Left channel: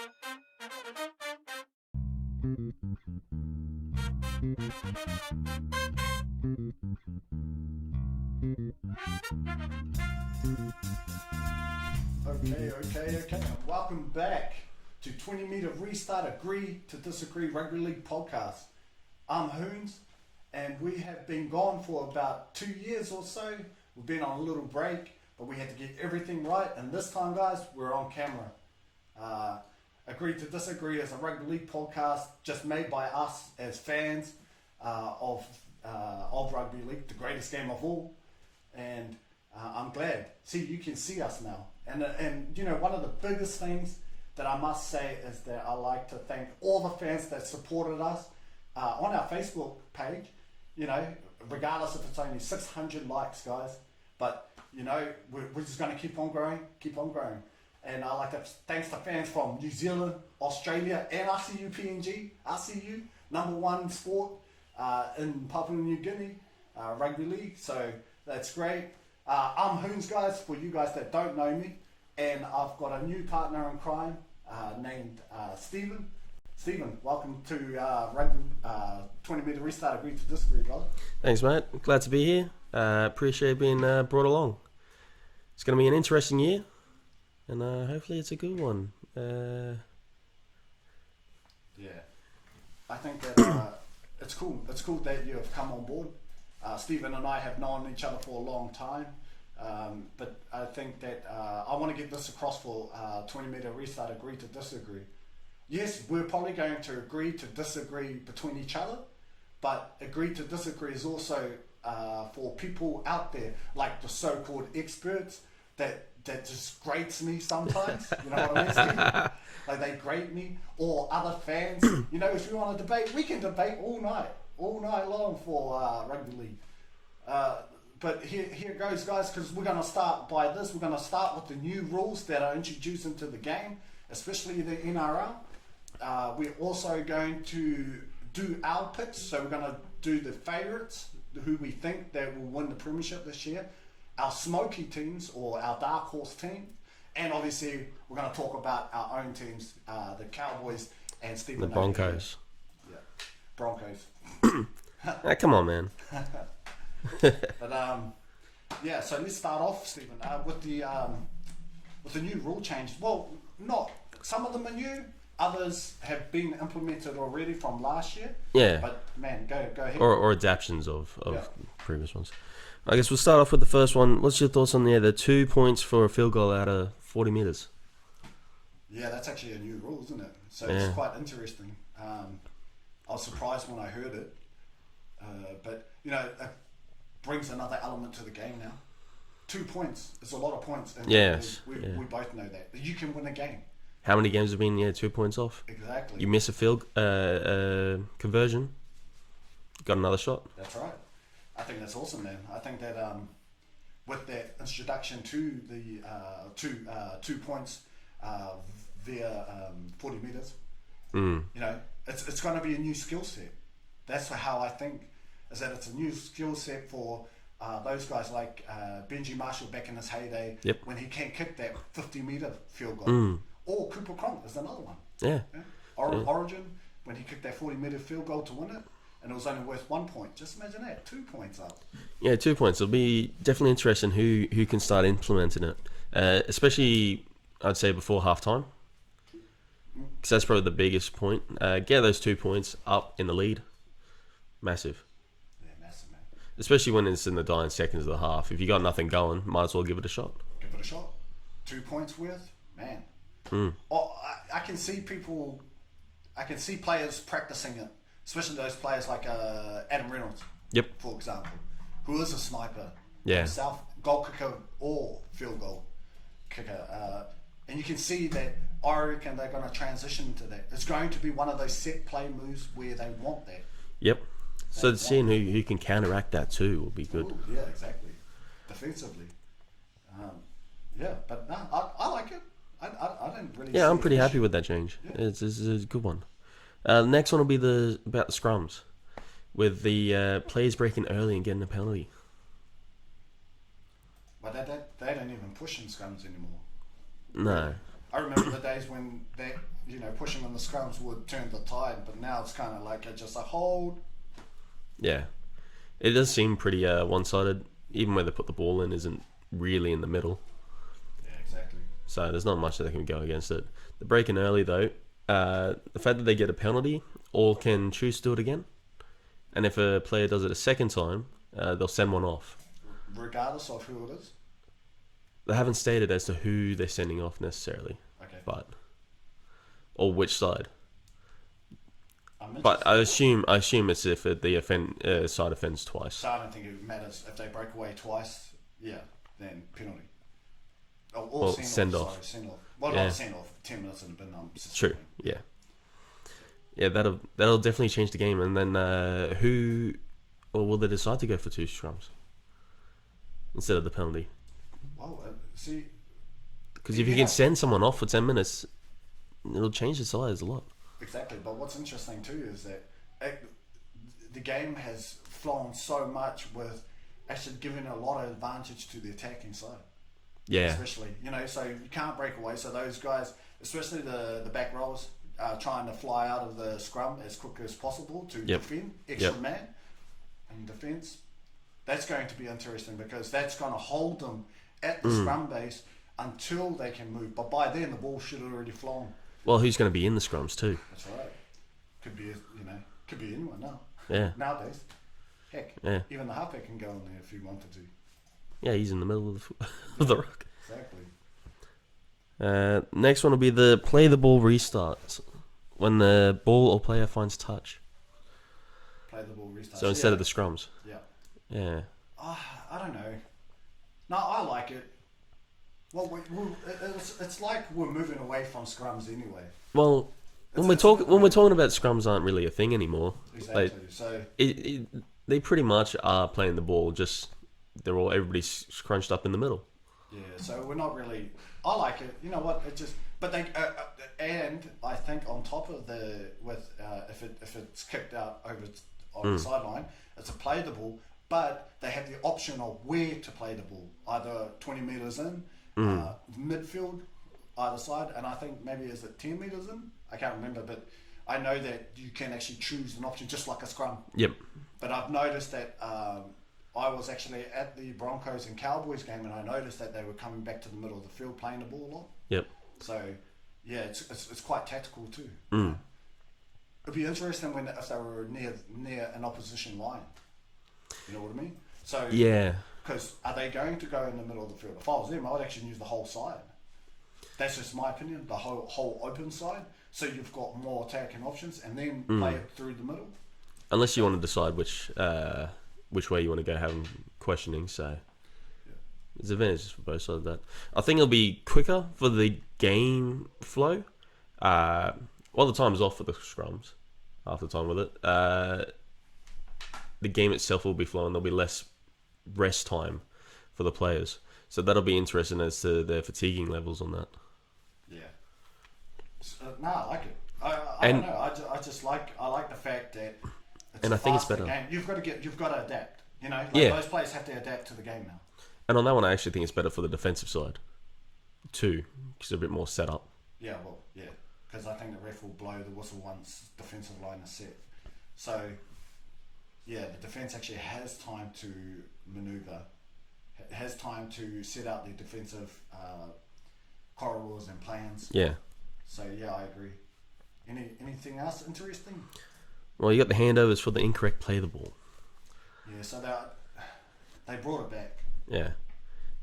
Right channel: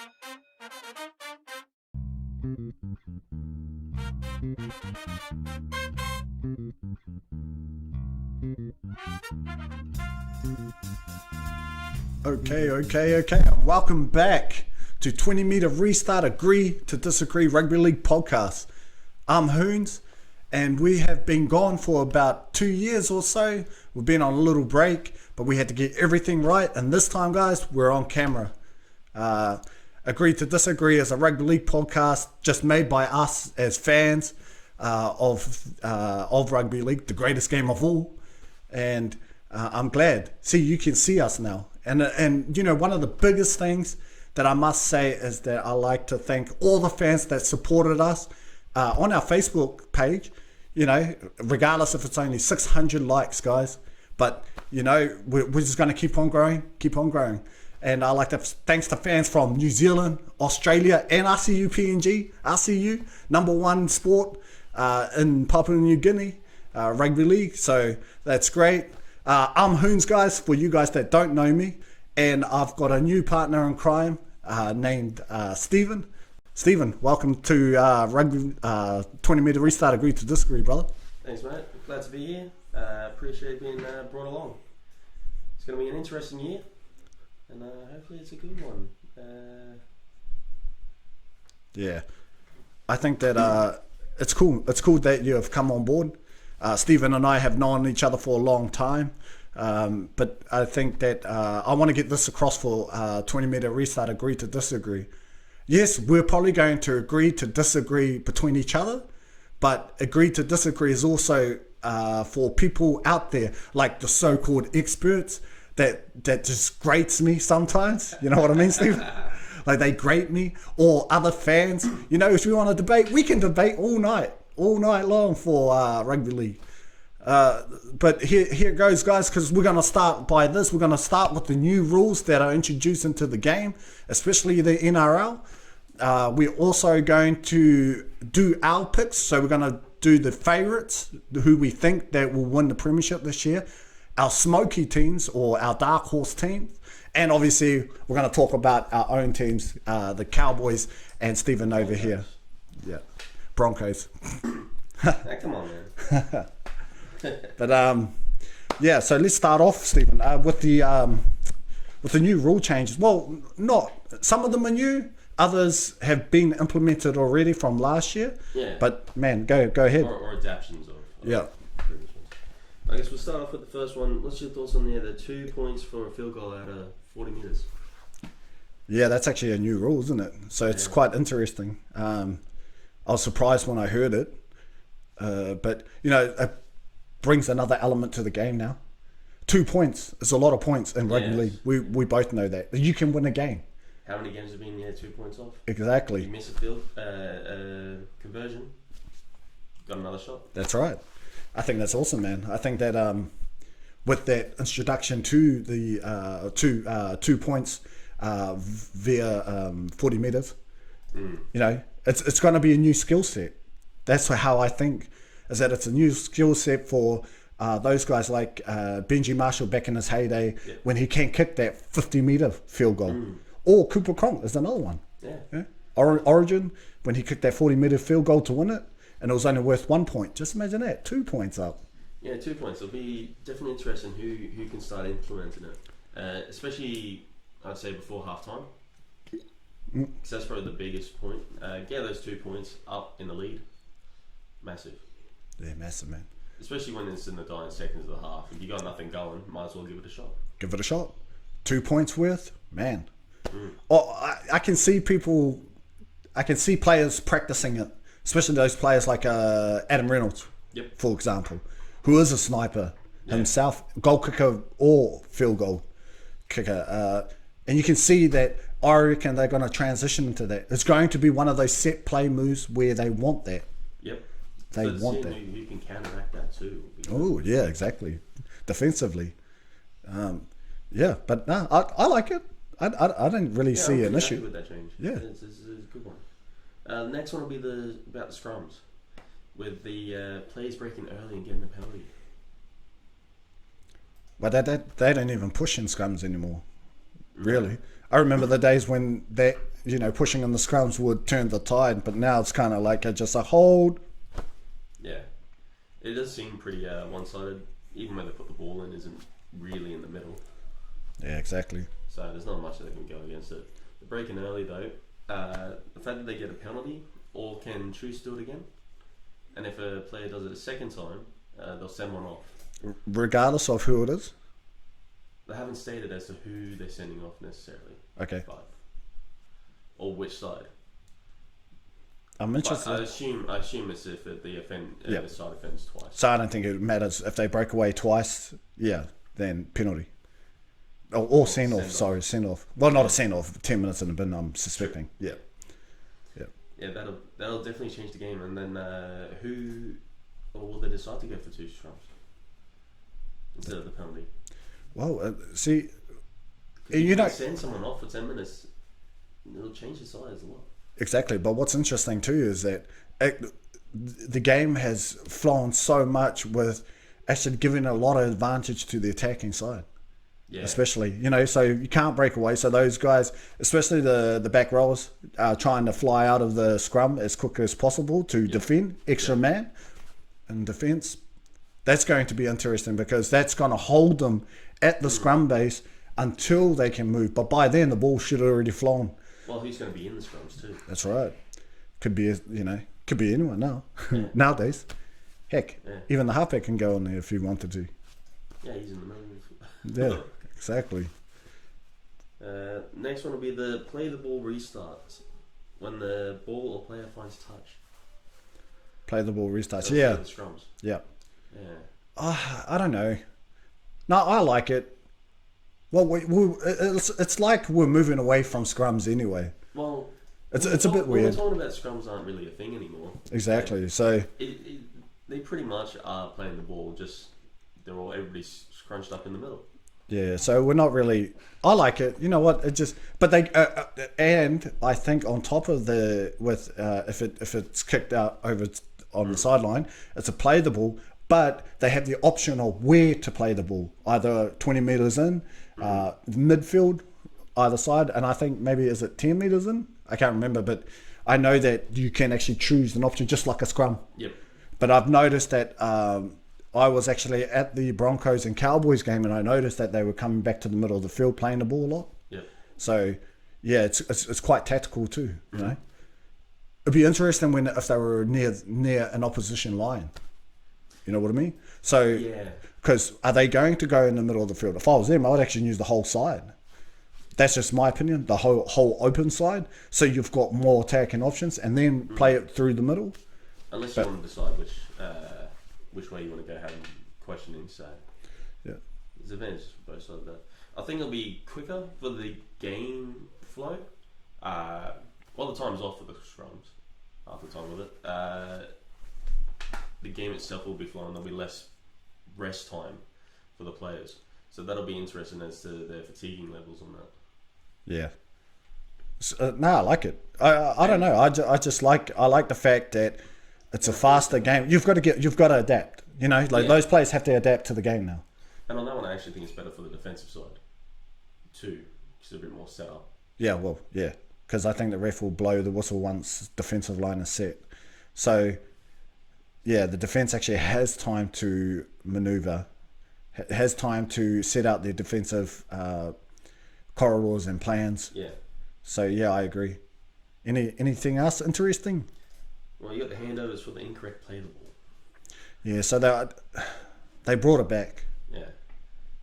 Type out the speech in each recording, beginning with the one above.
Okay. Welcome back to 20 Meter Restart Agree to Disagree Rugby League Podcast. I'm Hoonz, and we have been gone for about 2 years or so. We've been on a little break, but we had to get everything right, and this time, guys, we're on camera. Agree to Disagree is a rugby league podcast just made by us as fans of rugby league, the greatest game of all. And I'm glad. See, you can see us now. And you know, one of the biggest things that I must say is that I like to thank all the fans that supported us on our Facebook page. You know, regardless if it's only 600 likes, guys. But, you know, we're just going to keep on growing. And I like to thanks to fans from New Zealand, Australia, and RCU PNG. RCU, number one sport in Papua New Guinea, rugby league. So that's great. I'm Hoonz, guys, for you guys that don't know me. And I've got a new partner in crime named Steven. Steven, welcome to Rugby 20 Meter Restart Agree to Disagree, brother. Thanks, mate. Glad to be here. Appreciate being brought along. It's going to be an interesting year, and hopefully it's a good one. Yeah, I think that it's cool. It's cool that you have come on board. Steven and I have known each other for a long time, but I think that I want to get this across for 20 Meter Restart Agree to Disagree. Yes, we're probably going to agree to disagree between each other, but agree to disagree is also for people out there, like the so-called experts, that just grates me sometimes. You know what I mean, Steve? Like they grate me, or other fans. You know, if we want to debate, we can debate all night long for rugby league. But here goes, guys, because we're going to start by this. We're going to start with the new rules that are introduced into the game, especially the NRL. We're also going to do our picks. So we're going to do the favourites, who we think that will win the premiership this year, our smoky teams or our dark horse teams, and obviously we're going to talk about our own teams, the Cowboys and Stephen over here. Yeah, Broncos. Come on, man. But yeah, so let's start off, Stephen, with the new rule changes. Well, not some of them are new. Others have been implemented already from last year. Yeah. But man, go ahead. Or adaptions of previous ones. I guess we'll start off with the first one. What's your thoughts on the 2 points for a field goal out of 40 metres? Yeah, that's actually a new rule, isn't it? So it's quite interesting. I was surprised when I heard it. But, you know, it brings another element to the game now. 2 points is a lot of points in rugby league. We both know that. You can win a game. How many games have been 2 points off? Exactly. You miss a field conversion, got another shot. That's right. I think that's awesome, man. I think that with that introduction to the 2 points via 40 metres, you know, it's going to be a new skill set. That's how I think, is that it's a new skill set for those guys like Benji Marshall back in his heyday, when he can kick that 50-metre field goal. Or Cooper Cronk is another one. Yeah. Origin, when he kicked that 40-metre field goal to win it, and it was only worth 1 point. Just imagine that, 2 points up. Yeah, 2 points. It'll be definitely interesting who can start implementing it, especially I'd say before halftime, because that's probably the biggest point. Get those 2 points up in the lead, massive. Yeah, massive, man. Especially when it's in the dying seconds of the half. If you got nothing going, might as well give it a shot. 2 points worth, man. Oh, I can see people. I can see players practicing it, especially those players like Adam Reynolds, for example, who is a sniper himself, goal kicker or field goal kicker. And you can see that I reckon they're going to transition into that. It's going to be one of those set play moves where they want that. Yep. So seeing who can counteract that too will be good. Oh, yeah, exactly. Defensively. But no, I like it. I didn't really see it. I'm pretty happy with that change. Yeah. It's a good one. The next one will be about the scrums, with the players breaking early and getting a penalty. But they don't even push in scrums anymore. No. Really. I remember the days when that pushing in the scrums would turn the tide, but now it's kind of like just a hold. Yeah. It does seem pretty one-sided. Even where they put the ball in isn't really in the middle. Yeah, exactly. So there's not much that they can go against it. The break in early, though, the fact that they get a penalty or can choose to do it again, and if a player does it a second time, they'll send one off. Regardless of who it is? They haven't stated as to who they're sending off necessarily. Okay. Or which side. I'm interested. But I assume it's if the side offends twice. So I don't think it matters if they break away twice. Yeah, then penalty. Or send off. Sorry, send off. Well, not a send off. 10 minutes in the bin. I'm stripping. Yeah. Yeah, that'll definitely change the game. And then will they decide to go for 2 scrums instead of the penalty? Well, see, because if you can send someone off for 10 minutes, it'll change the sides a lot. Exactly, but what's interesting too is that the game has flown so much with actually giving a lot of advantage to the attacking side. Yeah. Especially, so you can't break away. So those guys, especially the back rowers, are trying to fly out of the scrum as quick as possible to defend, extra man in defence. That's going to be interesting because that's going to hold them at the scrum base until they can move. But by then, the ball should have already flown. Well, who's going to be in the scrums too? That's right. Could be anyone now. Yeah. Nowadays. Heck, even the halfback can go in there if he wanted to. Yeah, he's in the middle of the rock. Exactly. Next one will be the play the ball restart. When the ball or player finds touch. Play the ball restart. So instead of the scrums. Yeah. Yeah. I don't know. No, I like it. Well, it's like we're moving away from scrums anyway. Well, when we're talking about scrums aren't really a thing anymore. Exactly. They pretty much are playing the ball. Just everybody's scrunched up in the middle. Yeah. So we're not really. I like it. You know what? It just. But they and I think on top of if it's kicked out over on the sideline, it's a play the ball. But they have the option of where to play the ball, either 20 meters in, midfield, either side, and I think maybe is it 10 meters in? I can't remember, but I know that you can actually choose an option just like a scrum. Yep. But I've noticed that I was actually at the Broncos and Cowboys game, and I noticed that they were coming back to the middle of the field playing the ball a lot. Yep. So yeah, it's quite tactical too. You know? It'd be interesting if they were near an opposition line. You know what I mean? So yeah, because are they going to go in the middle of the field? If I was them, I would actually use the whole side. That's just my opinion. The whole open side, so you've got more attacking options, and then play it through the middle. Unless you want to decide which way you want to go, having questioning. So yeah, there's advantages for both sides of that. I think it'll be quicker for the game flow. While the time's off for the scrums, half the time with it. The game itself will be flowing. There'll be less rest time for the players, so that'll be interesting as to their fatiguing levels on that. Yeah. No, I like it. I don't know. I like the fact that it's a faster game. You've got to adapt. You know, those players have to adapt to the game now. And on that one, I actually think it's better for the defensive side too, because they're a bit more set up. Yeah, well, yeah, because I think the ref will blow the whistle once defensive line is set. So. Yeah, the defense actually has time to maneuver, has time to set out their defensive corridors and plans. Yeah. So yeah, I agree. Anything else interesting? Well, you got the handovers for the incorrect play the ball. Yeah, so they brought it back. Yeah,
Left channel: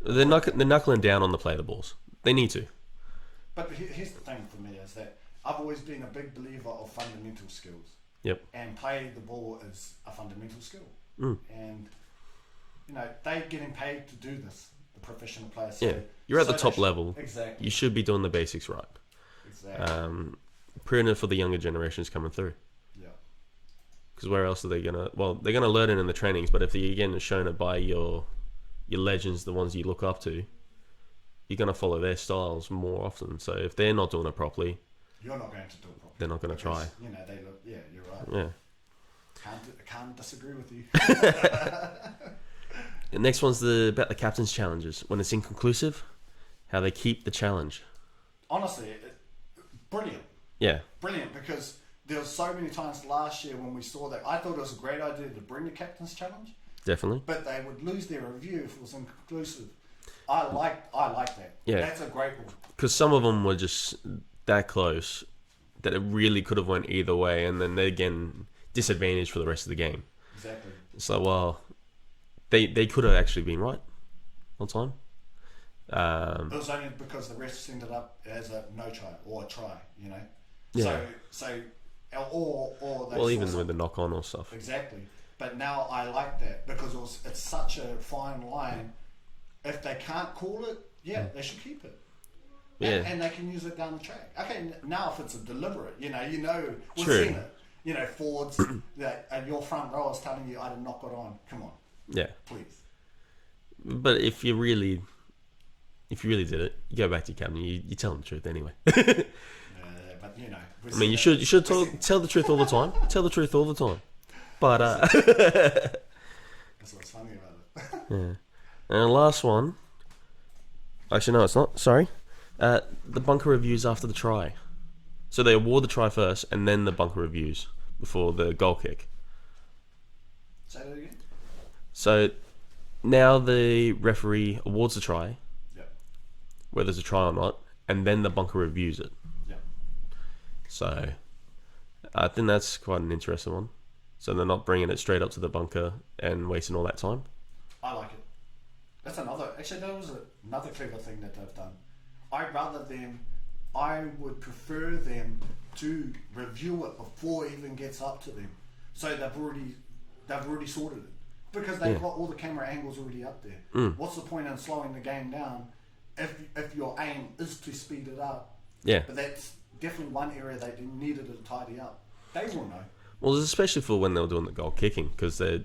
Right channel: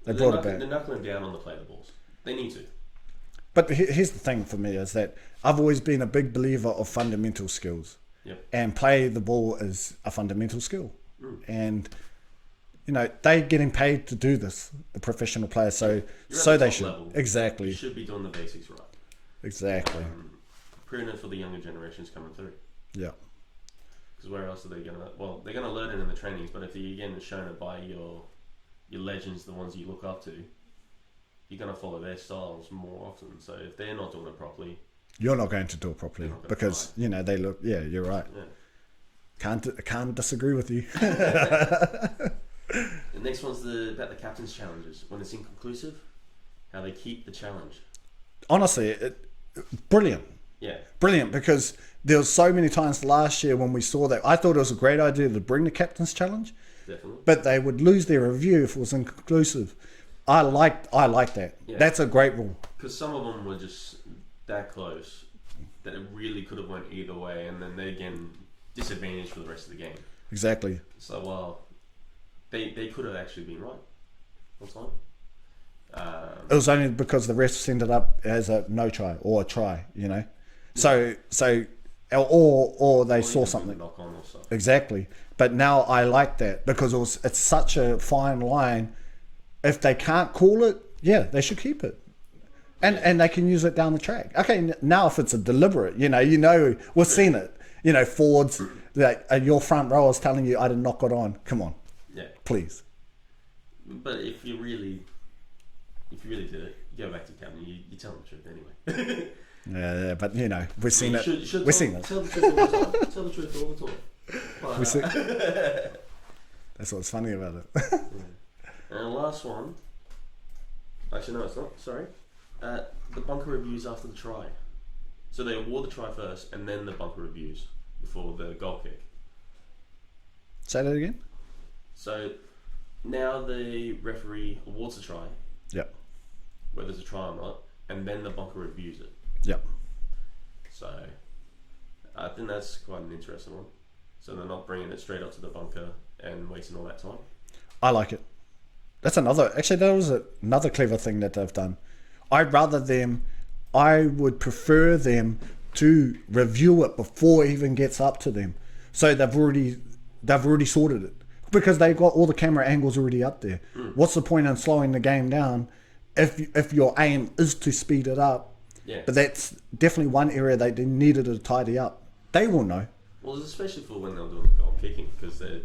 they're knuckling down on the play the balls. They need to. But here's the thing for me is that I've always been a big believer of fundamental skills. Yep. And play the ball is a fundamental skill. And, they're getting paid to do this, the professional players. So you're at the top level. Exactly. You should be doing the basics right. Exactly. Proving it for the younger generations coming through. Yeah. Because where else are they going to... Well, they're going to learn it in the trainings, but if they, again, are shown it by your legends, the ones you look up to, you're going to follow their styles more often. So if they're not doing it properly... You're not going to do it properly. They're not going to because, try. They look... Yeah, you're right. Yeah. Can't disagree with you. The next one's about the captain's challenges. When it's inconclusive, how they keep the challenge. Honestly, brilliant. Yeah. Brilliant, because there was so many times last year when we saw that. I thought it was a great idea to bring the captain's challenge, Definitely. but they would lose their review if it was inconclusive. I like that. Yeah. That's a great rule. Because some of them were just that close that it really could have went either way, and then they again disadvantaged for the rest of the game. Exactly. So well, they could have actually been right on time. It was only because the refs ended up as a no try or a try, you know. Yeah. So or they saw even something. with the knock on or stuff. Exactly. But now I like that because it's such a fine line. If they can't call it, yeah, they should keep it. And they can use it down the track. Okay, now if it's a deliberate, we've True. seen it. Forwards, like your front row is telling you I didn't knock it on. Come on, Yeah. please. But if you really did it, you go back to your captain. You tell them the truth anyway. Yeah, but we've I seen mean, you should tell the truth all the time. Tell the truth all the time. But that's what's funny about it. yeah. And the last one. Actually, no, it's not. Sorry. The bunker reviews after the try. So they award the try first, and then the bunker reviews before the goal kick. Say that again. So now the referee awards the try, Yep. whether it's a try or not, and then the bunker reviews it. Yep. So I think that's quite an interesting one. So they're not bringing it straight up to the bunker and wasting all that time. I like it. That was another clever thing that they've done. I would prefer them to review it before it even gets up to them. So they've already sorted it. Because they've got all the camera angles already up there. What's the point in slowing the game down if your aim is to speed it up? Yeah. But that's definitely one area they needed to tidy up. They will know. Well, especially for when they were doing the goal kicking, because the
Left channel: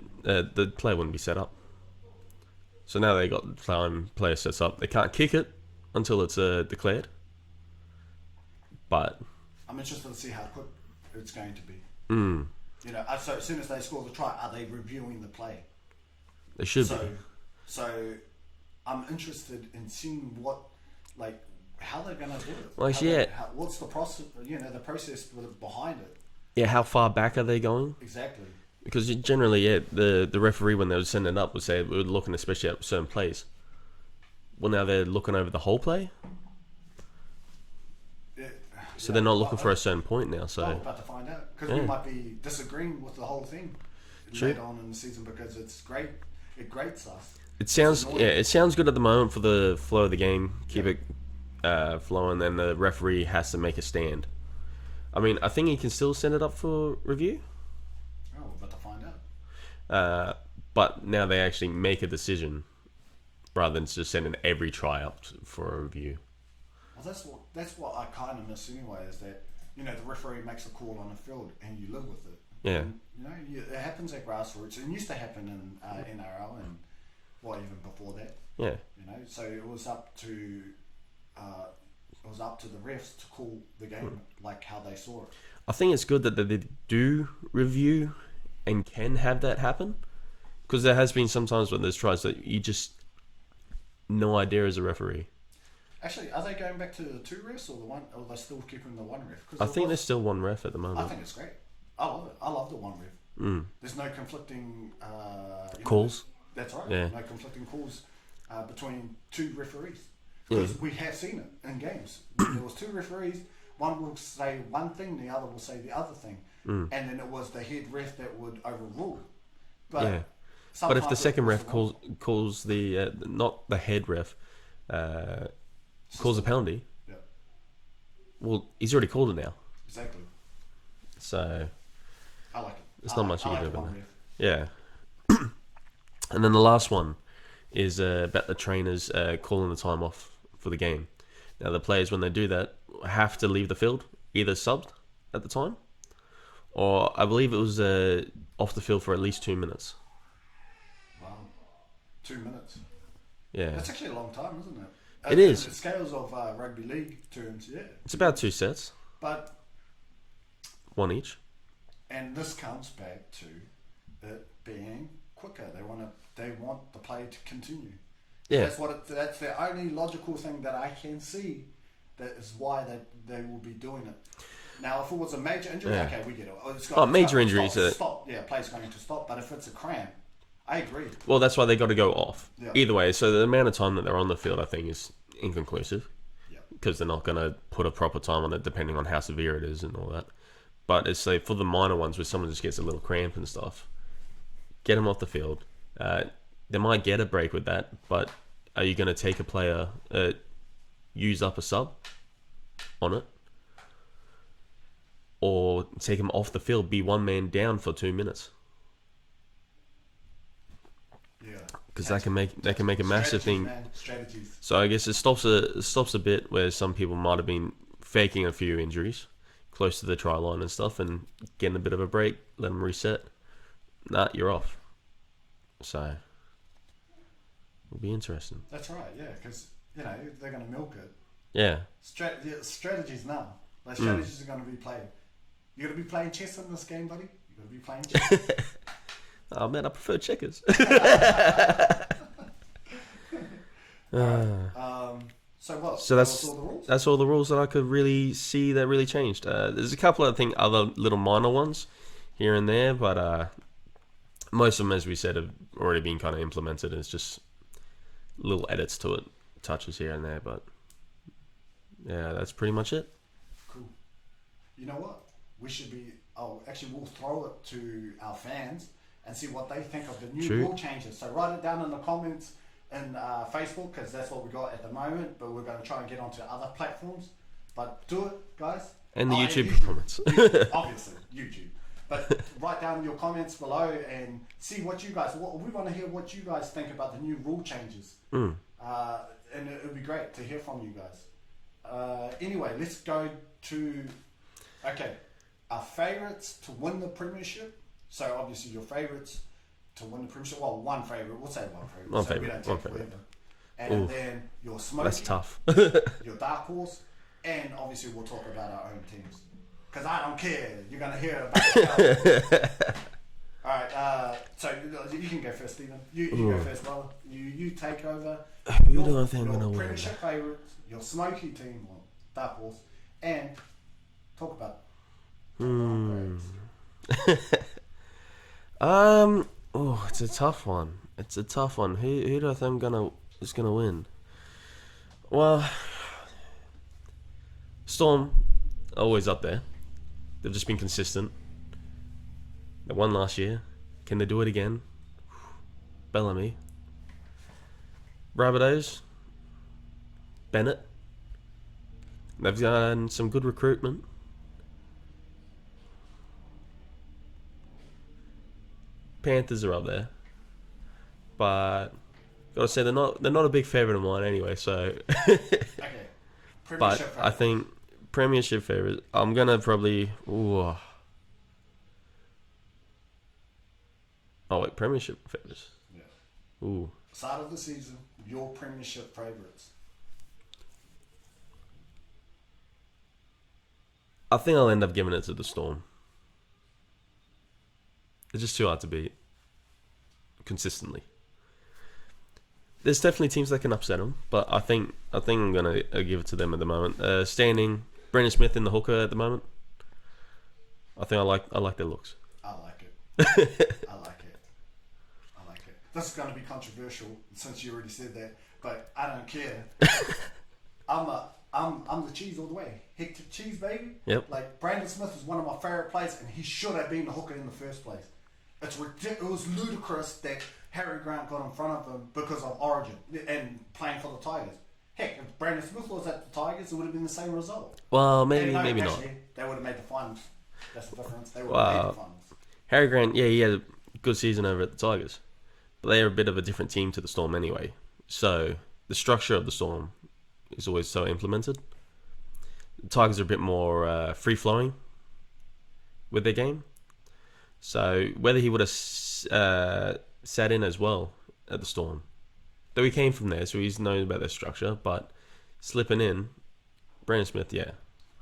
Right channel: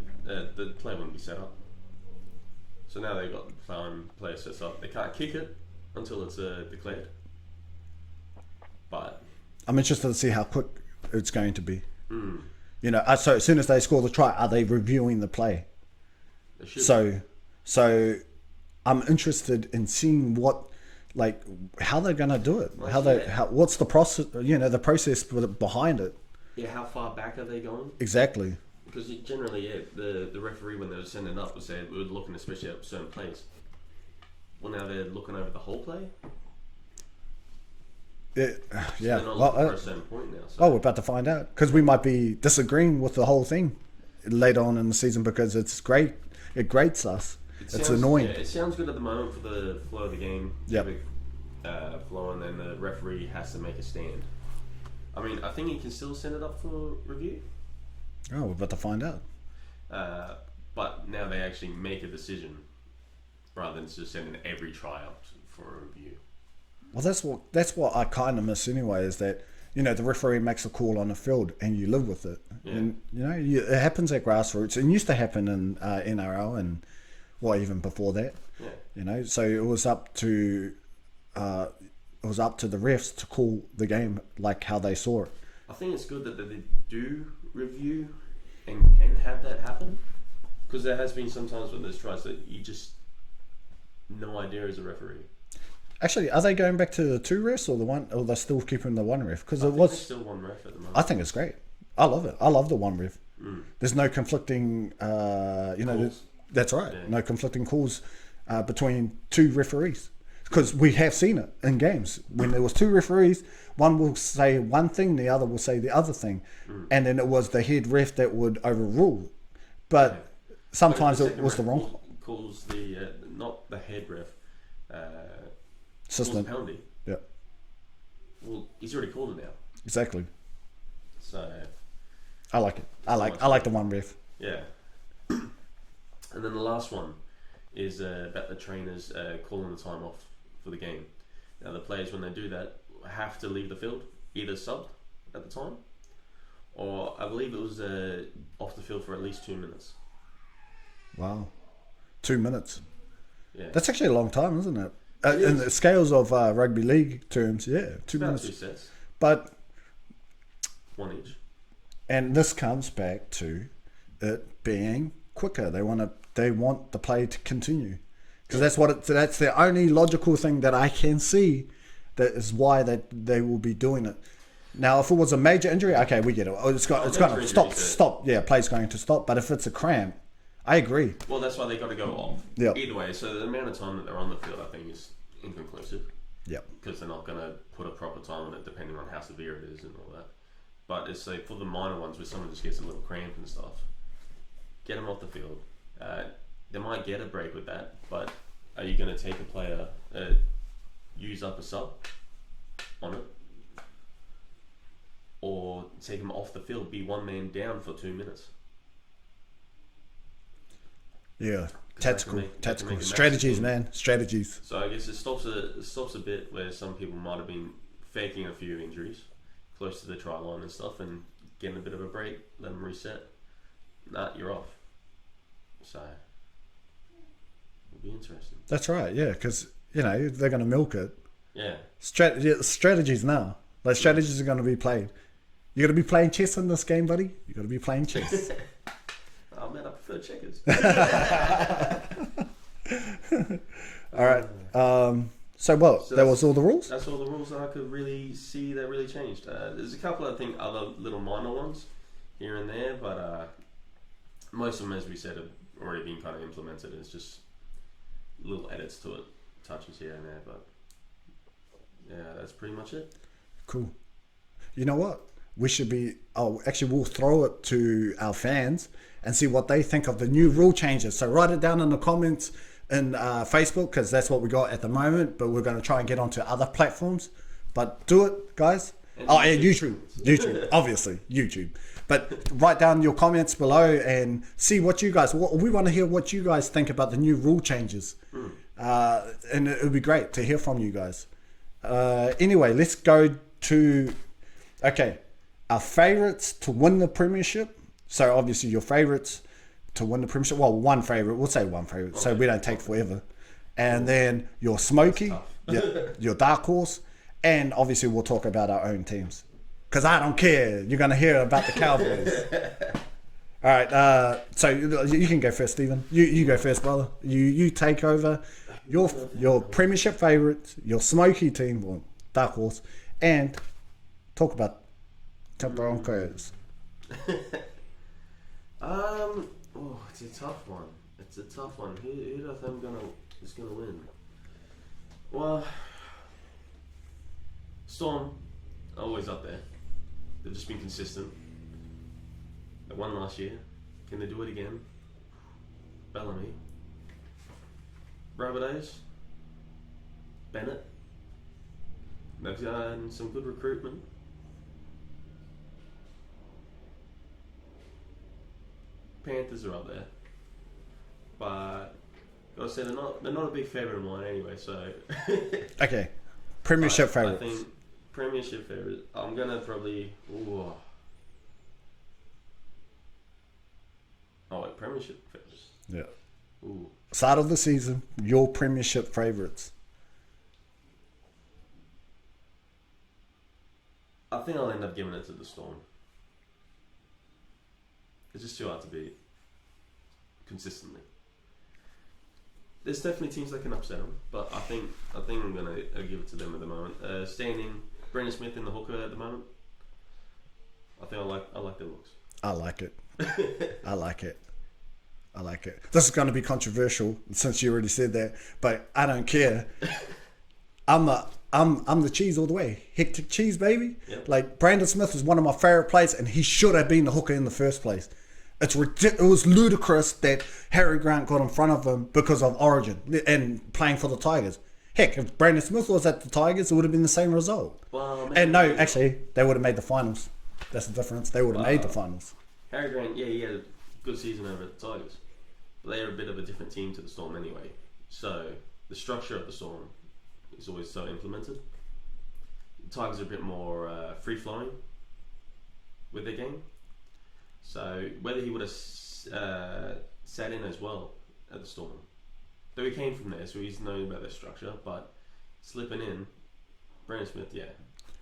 player wouldn't be set up. So now they got the player sets up. They can't kick it until it's declared. But I'm interested to see how quick it's going to be. Mm. So as soon as they score the try, are they reviewing the play? They should. So I'm interested in seeing how they're going to do it. Well, What's the process? The process behind it. Yeah, how far back are they going? Exactly. Because generally, the referee, when they would send it up, would say we're looking especially at certain plays. Well, now they're looking over the whole play. So they're not looking for a certain point now. So we're about to find out because we might be disagreeing with the whole thing later on in the season because it's great. It grates us. It sounds good at the moment for the flow of the game. Keep it flowing, then the referee has to make a stand. I mean, I think he can still send it up for review. Oh, we're about to find out. But now they actually make a decision rather than just sending every try up for a review. Well, that's what I kind of miss anyway. Is that the referee makes a call on the field and you live with it. Yeah. And it happens at grassroots. It used to happen in NRL and even before that. Yeah. So it was up to the refs to call the game like how they saw it. I think it's good that they do review and can have that happen, because there has been some times when there's tries that you just no idea as a referee. Actually, are they going back to the two refs or the one, or they're still keeping the one ref? Because I think there's still one ref at the moment. I think it's great. I love it. I love the one ref. There's no conflicting calls. That's right. Yeah. No conflicting calls between two referees, because we have seen it in games when there was two referees. One will say one thing, the other will say the other thing, and then it was the head ref that would overrule. But sometimes but if the second it was ref calls the not the head ref, calls a penalty. Yeah. Well, he's already called it now. Exactly. So I like it. I like the one ref. Yeah. And then the last one is about the trainers calling the time off for the game. Now the players, when they do that, have to leave the field, either subbed at the time, or I believe it was off the field for at least 2 minutes. Wow, 2 minutes. Yeah, that's actually a long time, isn't it? It is. In the scales of rugby league terms, yeah. It's about 2 sets. But one each. And this comes back to it being quicker. They want the play to continue. Because that's the only logical thing that I can see. That is why they will be doing it. Now, if it was a major injury, okay, we get it. Major injuries. Stop. Yeah, play's going to stop. But if it's a cramp, I agree. Well, that's why they got to go off. Yeah. Either way, so the amount of time that they're on the field, I think, is inconclusive. Yeah. Because they're not going to put a proper time on it, depending on how severe it is and all that. But it's like for the minor ones where someone just gets a little cramp and stuff, get them off the field. They might get a break with that, but are you going to take a player, use up a sub on it? Or take him off the field, be one man down for 2 minutes? Yeah. Because that can make a massive strategies, thing. man. Strategies. So I guess it stops a bit where some people might have been faking a few injuries close to the try line and stuff and getting a bit of a break, let them reset. Nah, you're off. So it'll be interesting. That's right, yeah, because, they're going to milk it. Yeah. Strategies now. Like, strategies are going to be played. You're going to be playing chess in this game, buddy. You're going to be playing chess. Oh, man, I prefer checkers. All right. So that was all the rules? That's all the rules that I could really see that really changed. There's a couple of, I think, other little minor ones here and there, but most of them, as we said, have already been kind of implemented. It's just little edits to it, touches here and there, but yeah, that's pretty much it. Cool. You know what? We should be... we'll throw it to our fans and see what they think of the new rule changes. So write it down in the comments in Facebook, because that's what we got at the moment, but we're going to try and get onto other platforms. But do it, guys. And YouTube, obviously, YouTube. But write down your comments below and see what you guys... We want to hear what you guys think about the new rule changes. And it would be great to hear from you guys. Anyway, let's go to... Okay, our favourites to win the premiership. So obviously your favourites to win the premiership. Well, one favourite. We'll say one favourite, so we don't take forever. And then your smoky, your dark horse, and obviously we'll talk about our own teams. Because I don't care. You're going to hear about the Cowboys. All right, so you can go first, Steven. You go first, brother. You take over your premiership favourites, your smoky team, or dark horse, and talk about the Broncos. It's a tough one. Who do I think is gonna win? Well, Storm, always up there. They've just been consistent. They won last year. Can they do it again? Bellamy. Rabbitohs. Bennett. They've done some good recruitment. Panthers are up there, but gotta say they're not a big favourite of mine anyway. So okay, premiership favourites. I think premiership favourites. I'm gonna probably. Premiership favourites. Yeah. Ooh. Start of the season, your premiership favourites. I think I'll end up giving it to the Storm. It's just too hard to beat consistently. There's definitely teams that can upset them, but I think I'm gonna give it to them at the moment. Standing Brendan Smith in the hooker at the moment. I think I like their looks. I like it. I like it. This is going to be controversial since you already said that, but I don't care. I'm the cheese all the way. Hectic cheese, baby. Yep. Like, Brandon Smith is one of my favourite players, and he should have been the hooker in the first place. It was ludicrous that Harry Grant got in front of him because of Origin and playing for the Tigers. Heck, if Brandon Smith was at the Tigers, it would have been the same result. Well, maybe. Maybe actually, not. They would have made the finals. That's the difference. They would have made the finals. Harry Grant, yeah, he had a good season over at the Tigers, but they are a bit of a different team to the Storm anyway. So the structure of the Storm is always so implemented. The Tigers are a bit more free-flowing with their game. So whether he would have sat in as well at the Storm, though he came from there, so he's known about their structure, but slipping in, Brandon Smith, yeah,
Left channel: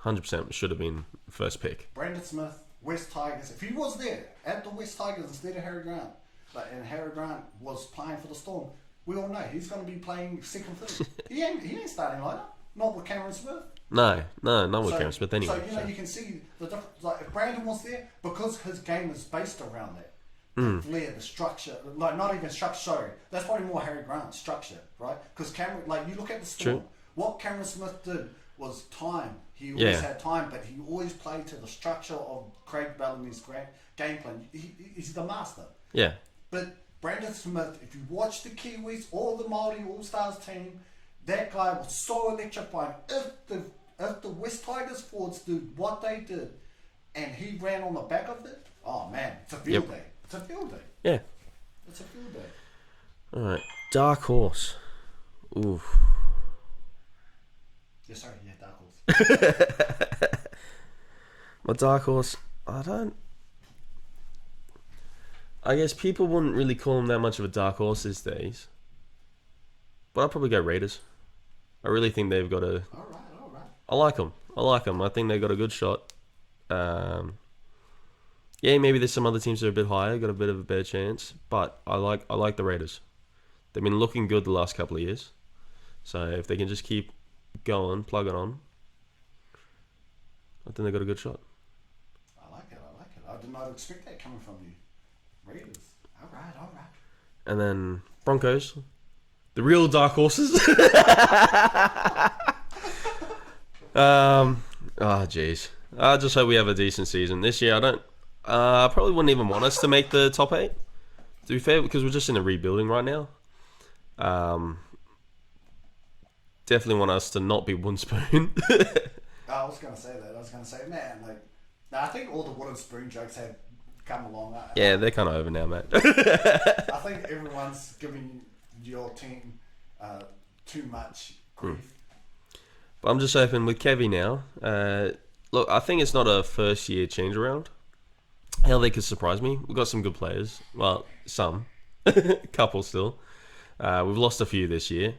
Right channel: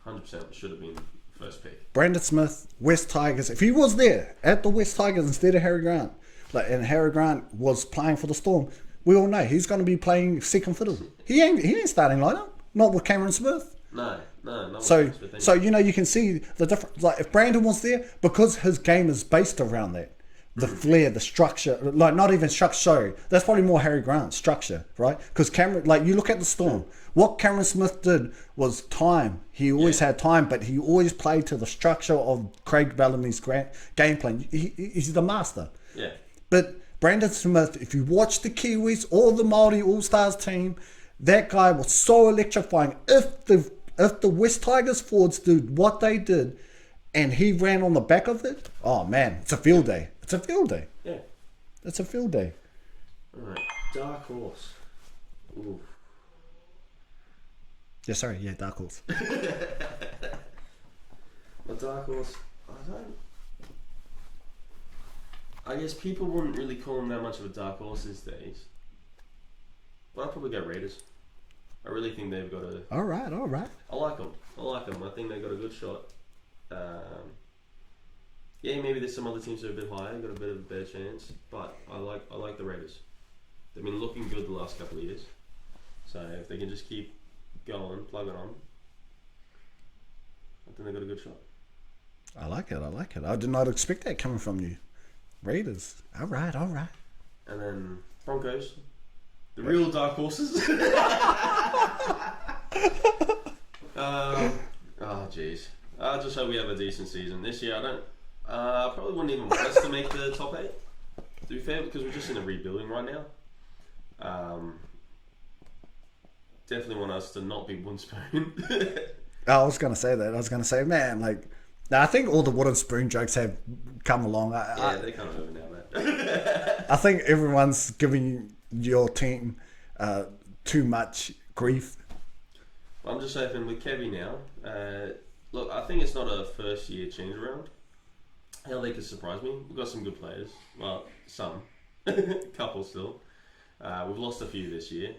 100% should have been first pick. Brandon Smith, West Tigers, if he was there at the West Tigers instead of Harry Grant, and Harry Grant was playing for the Storm, we all know he's going to be playing second fiddle. He ain't starting lineup, not with Cameron Smith. No, not with So, Cam Smith anyway. so you can see the difference. Like if Brandon was there, because his game is based around that, the flair, the structure, like not even structure. Sorry, that's probably more Harry Grant structure, right? Because Cameron, like you look at the Storm, True. what Cameron Smith did was time. He always had time, but he always played to the structure of Craig Bellamy's game plan. He's the master. Yeah. But Brandon Smith, if you watch the Kiwis or the Māori All-Stars team, that guy was so electrifying. If the West Tigers forwards did what they did and he ran on the back of it, oh man, it's a field day. It's a field day. Yeah. It's a field day. All right. Dark horse. Ooh. Yeah, sorry. Yeah, dark horse. My dark horse, I guess people wouldn't really call him that much of a dark horse these days. But I'd probably go Raiders. I really think they've got a... All right. I like them. I think they've got a good shot. Yeah, maybe there's some other teams that are a bit higher, got a bit of a better chance. But I like the Raiders. They've been looking good the last couple of years. So if they can just keep going, plug it on, I think they've got a good shot. I like it. I did not expect that coming from you. Raiders. All right. And then Broncos, the real dark horses. Oh jeez. I just hope we have a decent season this year. I probably wouldn't even want us to make the top 8. To be fair, because we're just in a rebuilding right now. Definitely want us to not be wooden spoon. I was gonna say that. I was gonna say, man, like, I think all the wooden spoon jokes have come along. They're kind of over now, mate. I think everyone's giving your team too much grief. But I'm just hoping with Kevy now. Look, I think it's not a first year change around. Hell, they could surprise me. We've got some good players. Well, some. Couple still. We've lost a few this year.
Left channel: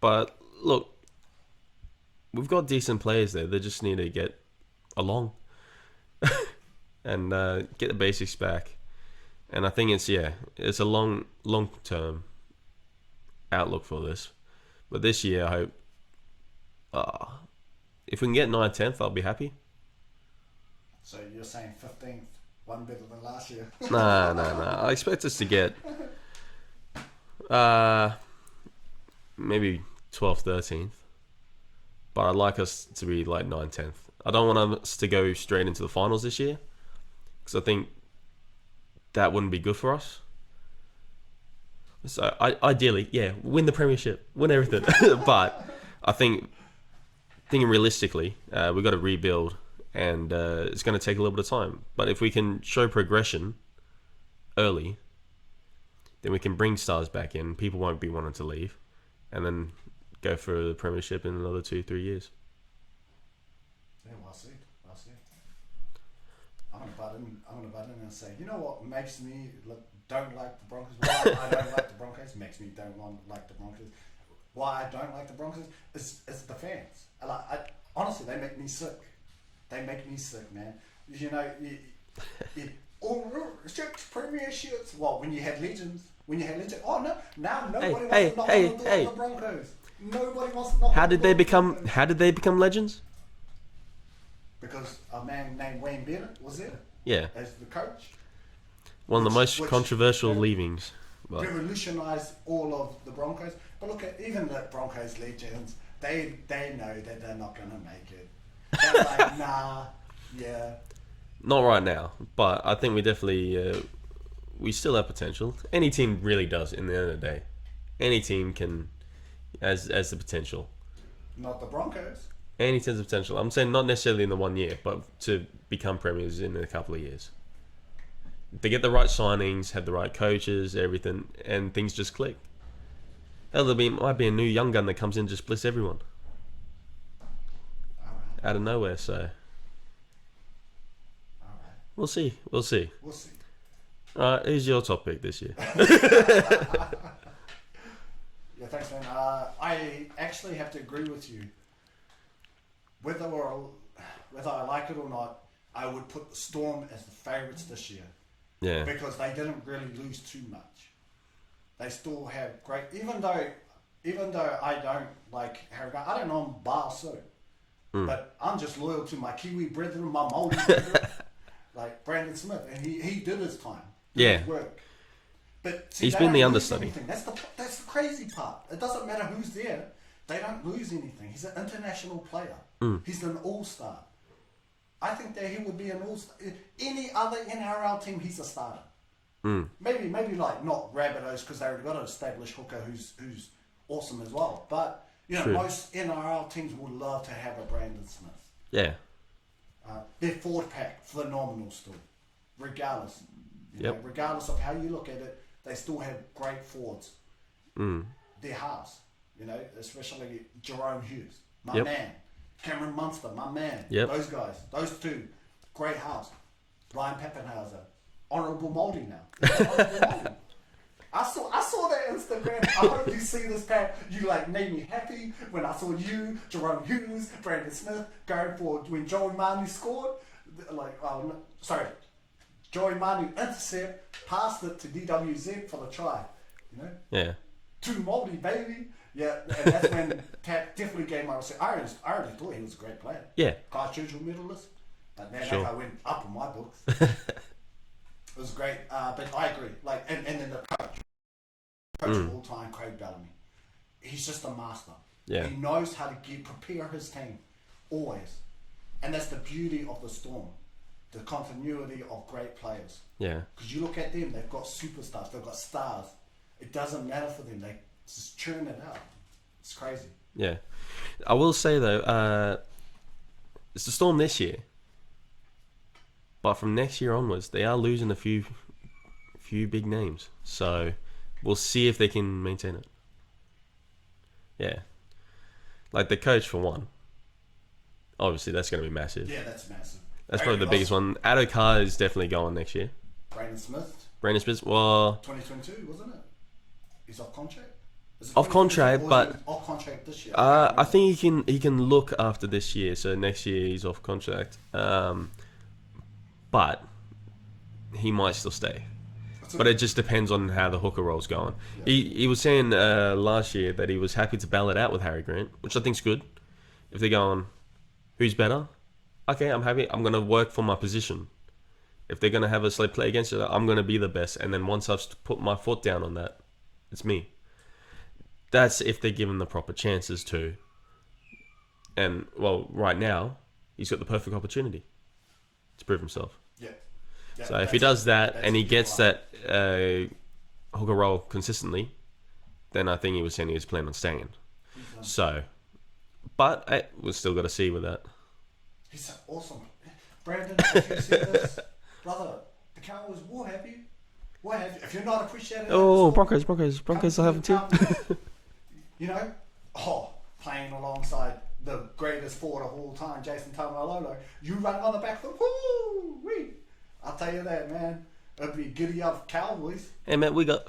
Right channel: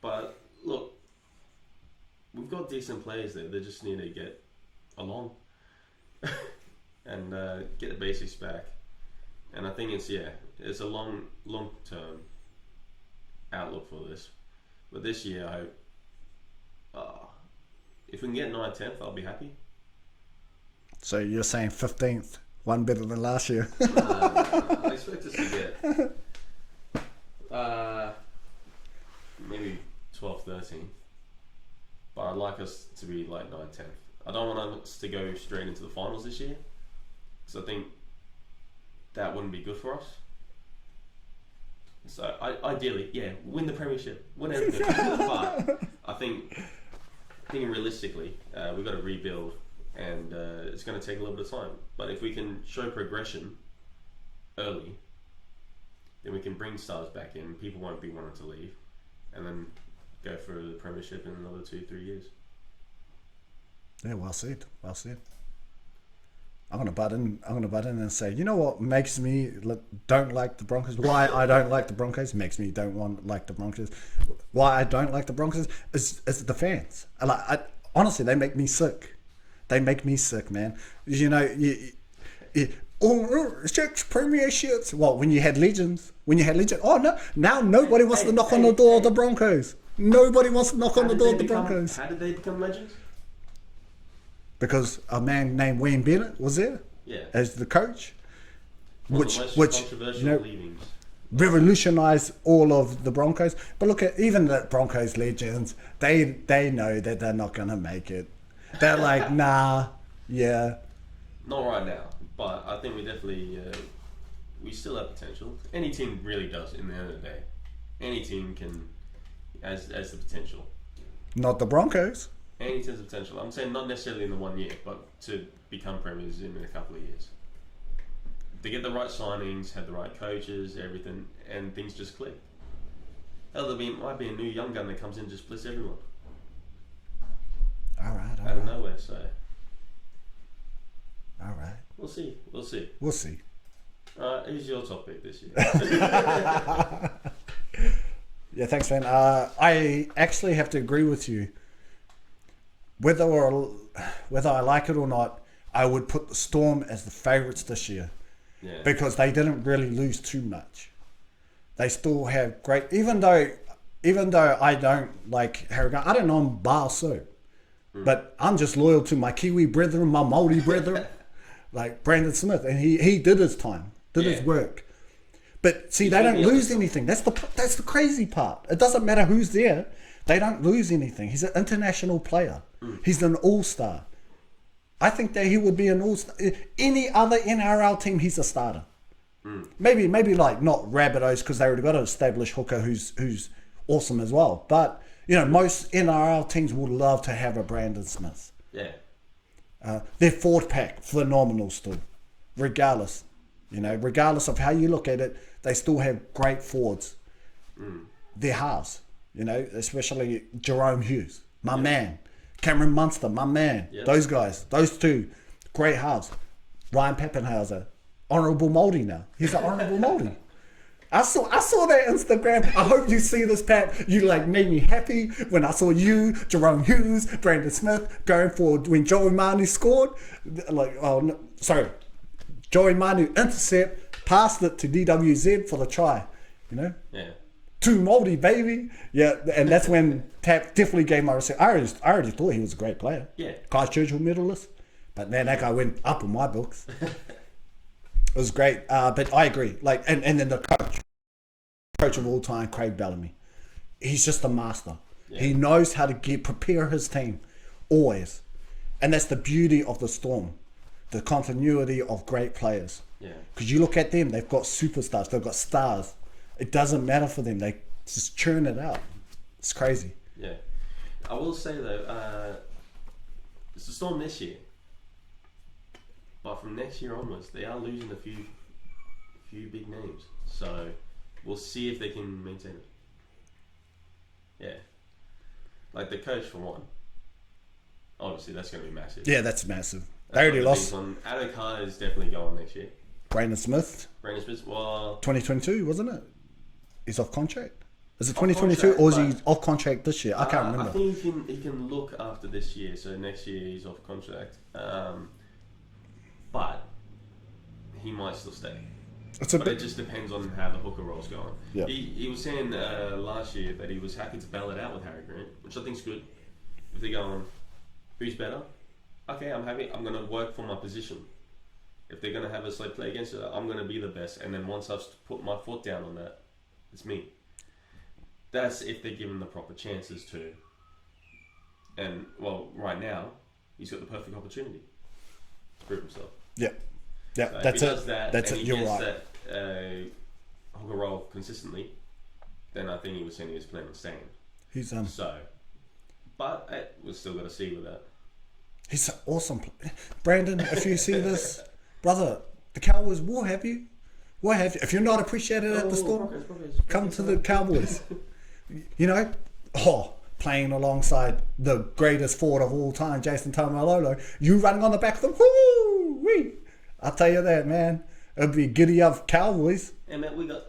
But look, we've got decent players there. They just need to get along and get the basics back. And I think it's a long term outlook for this. But this year, I hope if we can get 9th, 10th, I'll be happy. So you're saying 15th, one better than last year? No. I expect us to get maybe 12th, 13th. But I'd like us to be like 9th, 10th. I don't want us to go straight into the finals this year, because I think that wouldn't be good for us. So ideally, win the premiership, win everything. But I think, thinking realistically, we've got to rebuild, and it's going to take a little bit of time. But if we can show progression early, then we can bring stars back in. People won't be wanting to leave, and then go for the premiership in another 2-3 years. Yeah, well said. I'm gonna butt in and say, you know what makes me don't like the Broncos? Why I don't like the Broncos makes me like the Broncos. Why I don't like the Broncos is the fans. Honestly, they make me sick. They make me sick, man. You know, six premierships. Well, when you had legends. Oh no! Now nobody wants to knock on the door of the Broncos. Nobody wants to knock on the door of the Broncos. How did they become legends? Because a man named Wayne Bennett was there. Yeah. As the coach. One of the most controversial leavings. Revolutionised all of the Broncos. But look at even the Broncos legends. They know that they're not going to make it. They're like, nah, yeah. Not right now. But I think we definitely... we still have potential. Any team really does in the end of the day. Any team can... As the potential. Not the Broncos. Any team's potential. I'm saying not necessarily in the 1 year, but to become premiers in a couple of years. They get the right signings, have the right coaches, everything, and things just click. Hell, might be a new young gun that comes in and just bliss everyone. All right. Out of nowhere, so. All right. We'll see. We'll see. All right, who's your top pick this year? Yeah, thanks, man. I actually have to agree with you. Whether I like it or not, I would put the Storm as the favourites this year. Yeah. Because they didn't really lose too much. They still have great... Even though even though I don't like Harry Grant, I don't know him bar so. But I'm just loyal to my Kiwi brethren, my Māori brethren, like Brandon Smith, and he did his time, did his work. But see, they don't lose anything. That's the crazy part. It doesn't matter who's there; they don't lose anything. He's an international player. He's an all-star. I think that he would be an all-star. Any other NRL team, he's a starter. Maybe like not Rabbitohs because they already got an established hooker who's awesome as well. But you know, most NRL teams would love to have a Brandon Smith. Yeah. Their forward pack, phenomenal still. Regardless. You know, regardless of how you look at it, they still have great forwards. Their halves, you know, especially Jerome Hughes, my man. Cameron Munster, my man. Those guys, those two, great halves. Ryan Pappenhauser, honourable Māori now. He's an honourable Māori. I saw that Instagram. I hope you see this, Pat. You like made me happy when I saw you, Jerome Hughes, Brandon Smith going for when Joey Manu scored. Like, oh no, sorry, Joey Manu intercept, passed it to DWZ for the try. You know. Yeah. Too Māori, baby. Yeah, and that's when Tap definitely gave my respect. I already thought he was a great player. Yeah. Christchurch medalist, but man, that guy went up in my books. It was great, but I agree. Like, and then the coach of all time, Craig Bellamy, he's just a master. Yeah. He knows how to prepare his team, always, and that's the beauty of the Storm, the continuity of great players. Yeah, because you look at them, they've got superstars, they've got stars. It doesn't matter for them; they just churn it out. It's crazy. Yeah, I will say though, it's the Storm this year. But from next year onwards, they are losing a few big names. So we'll see if they can maintain it. Yeah. Like the coach for one. Obviously, that's going to be massive. Yeah, that's massive. That's probably the biggest one. Addo is definitely going next year. Brandon Smith, well... 2022, wasn't it? He's off contract? Is it 2022 or is he off contract this year? I think he can look after this year. So next year he's off contract. But he might still stay. But it just depends on how the hooker role's going. Yeah. He was saying last year that he was happy to battle it out with Harry Grant, which I think's good. If they're going, who's better? Okay, I'm happy. I'm going to work for my position. If they're going to have a slate play against it, I'm going to be the best. And then once I've put my foot down on that, it's me. That's if they're given the proper chances to. And, well, right now, he's got the perfect opportunity to prove himself. Yeah. So if he does that and he gets that hooker role consistently, then I think he was saying he was planning on staying. But we've still got to see with that. He's an awesome player. Brandon, if you see this, brother, the Cowboys will have you. We'll have you. If you're not appreciated at the Storm, Broncos come to the Cowboys. You know, playing alongside the greatest forward of all time, Jason Taumalolo, you running on the back of the woo-wee. I'll tell you that, man. It'll be giddy up Cowboys. Hey, man, we got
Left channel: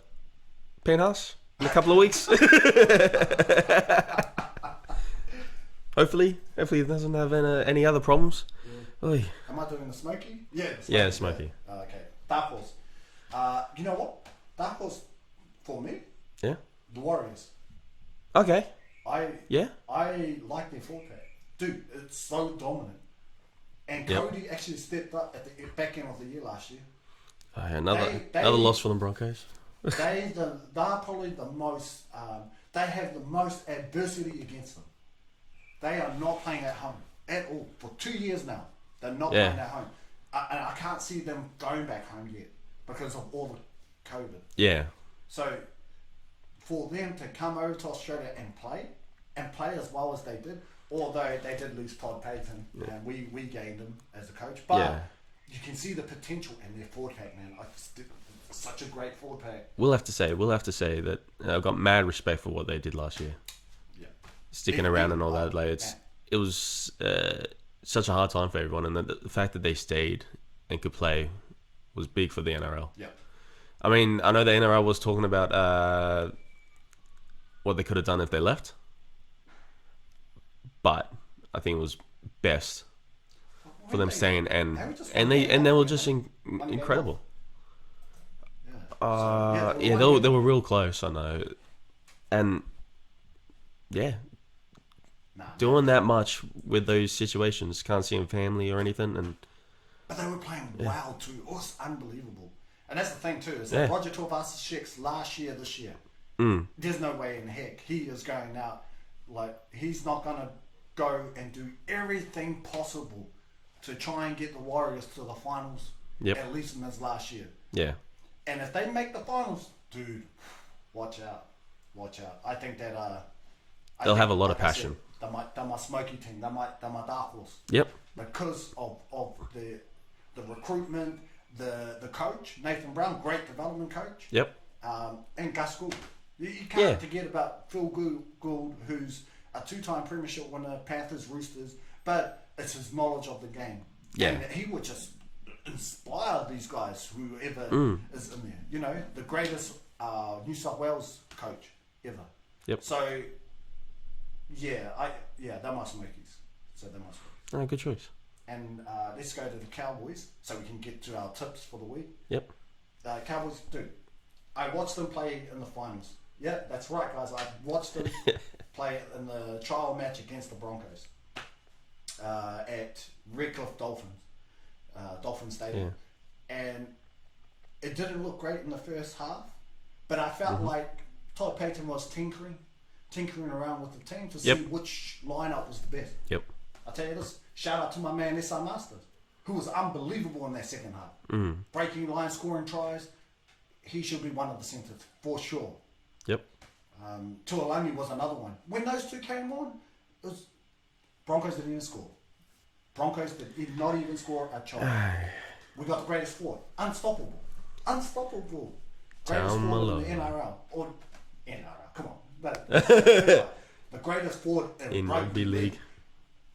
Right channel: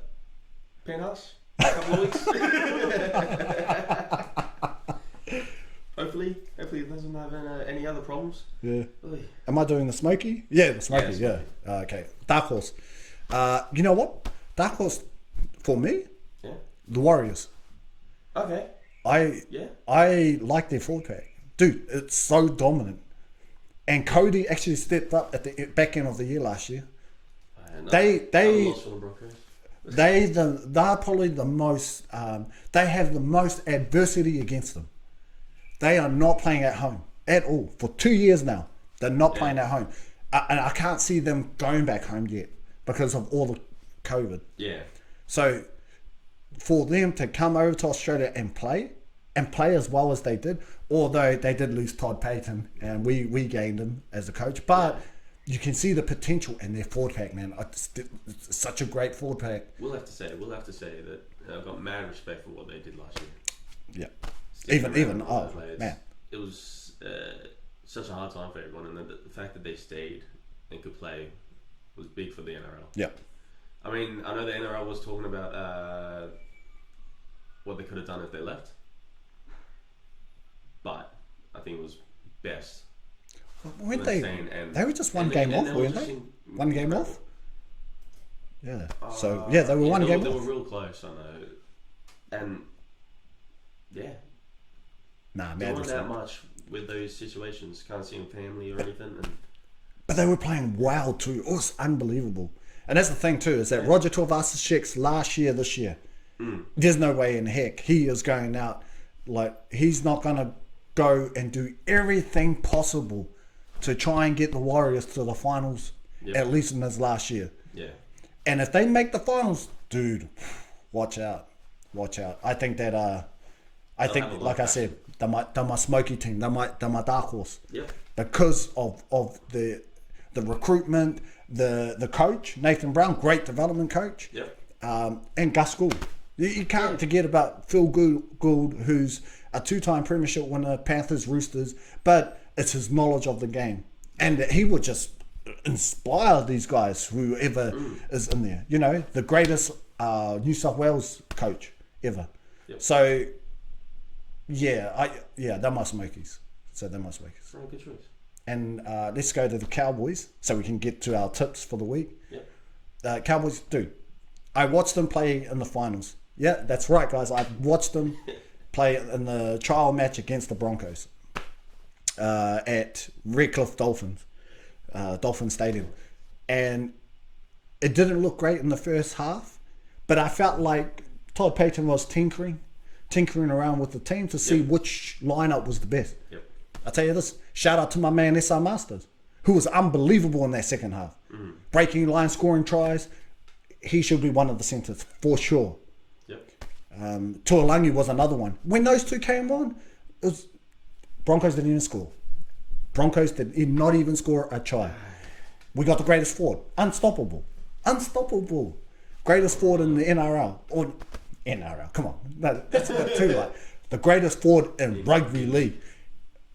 penthouse in a couple of weeks. Hopefully it doesn't have any other problems. Yeah. Oy. Am I doing the Smoky? Yeah, the Smoky. Yeah, the Smoky. Yeah. Okay. Dark Horse. You know what? Dark Horse, for me, the Warriors. Okay. I like their forward pack. Dude, it's so dominant. And Cody actually stepped up at the back end of the year last year. Another loss for the Broncos. They're probably the most. They have the most adversity against them. They are not playing at home at all for 2 years now. They're not playing at home, and I can't see them going back home yet because of all the COVID. Yeah. So for them to come over to Australia and play as well as they did, although they did lose Todd Payton and we gained him as a coach, but you can see the potential in their forward pack, man. It's such a great forward pack. We'll have to say that I've got mad respect for what they did last year. Yeah. Sticking around and all that. Like it was such a hard time for everyone, and the fact that they stayed and could play was big for the NRL. Yeah. I mean, I know the NRL was talking about what they could have done if they left, but I think it was best for them staying, and they were just incredible. Yeah. They were they were real close. I know, and Yeah. Nah, man, Doing that much with those situations, can't see him family or anything, and but they were playing well too. It was unbelievable. And that's the thing too, is that Yeah. Roger Tuivasa-Sheck's last year, this year, there's no way in heck he is going out. Like, he's not going to go and do everything possible to try and get the Warriors to the finals, Yep. at least in his last year. yeah, And if they make the finals, dude, watch out. Watch out. I think that They'll have a lot of like I passion. said, they're my smoky team. They're my dark horse. yep, Because of the recruitment, the coach, Nathan Brown, great development coach. yep, And Gus Gould. You can't forget about Phil Gould, who's a 2-time premiership winner, Panthers, Roosters, but it's his knowledge of the game. Yeah. And he would just inspire these guys, whoever is in there. You know, the greatest New South Wales coach ever. Yep. So, they're my Smokies. oh, good choice. And let's go to the Cowboys so we can get to our tips for the week. Yep, Cowboys, dude, I watched them play in the finals. Yeah, that's right, guys. I watched them play in the trial match against the Broncos at Redcliffe Dolphin Stadium. And it didn't look great in the first half, but I felt like Todd Payton was tinkering around with the team to see which lineup was the best. yep, I'll tell you this, shout out to my man SR Masters, who was unbelievable in that second half. Breaking line, scoring tries. He should be one of the centers for sure. yep, Tuolangi was another one. When those two came on, it was Broncos didn't even score. Broncos did not even score a try. We got the greatest forward. Unstoppable. Greatest forward in the NRL. Or NRL, come on. No, that's too right. The greatest forward in Rugby League.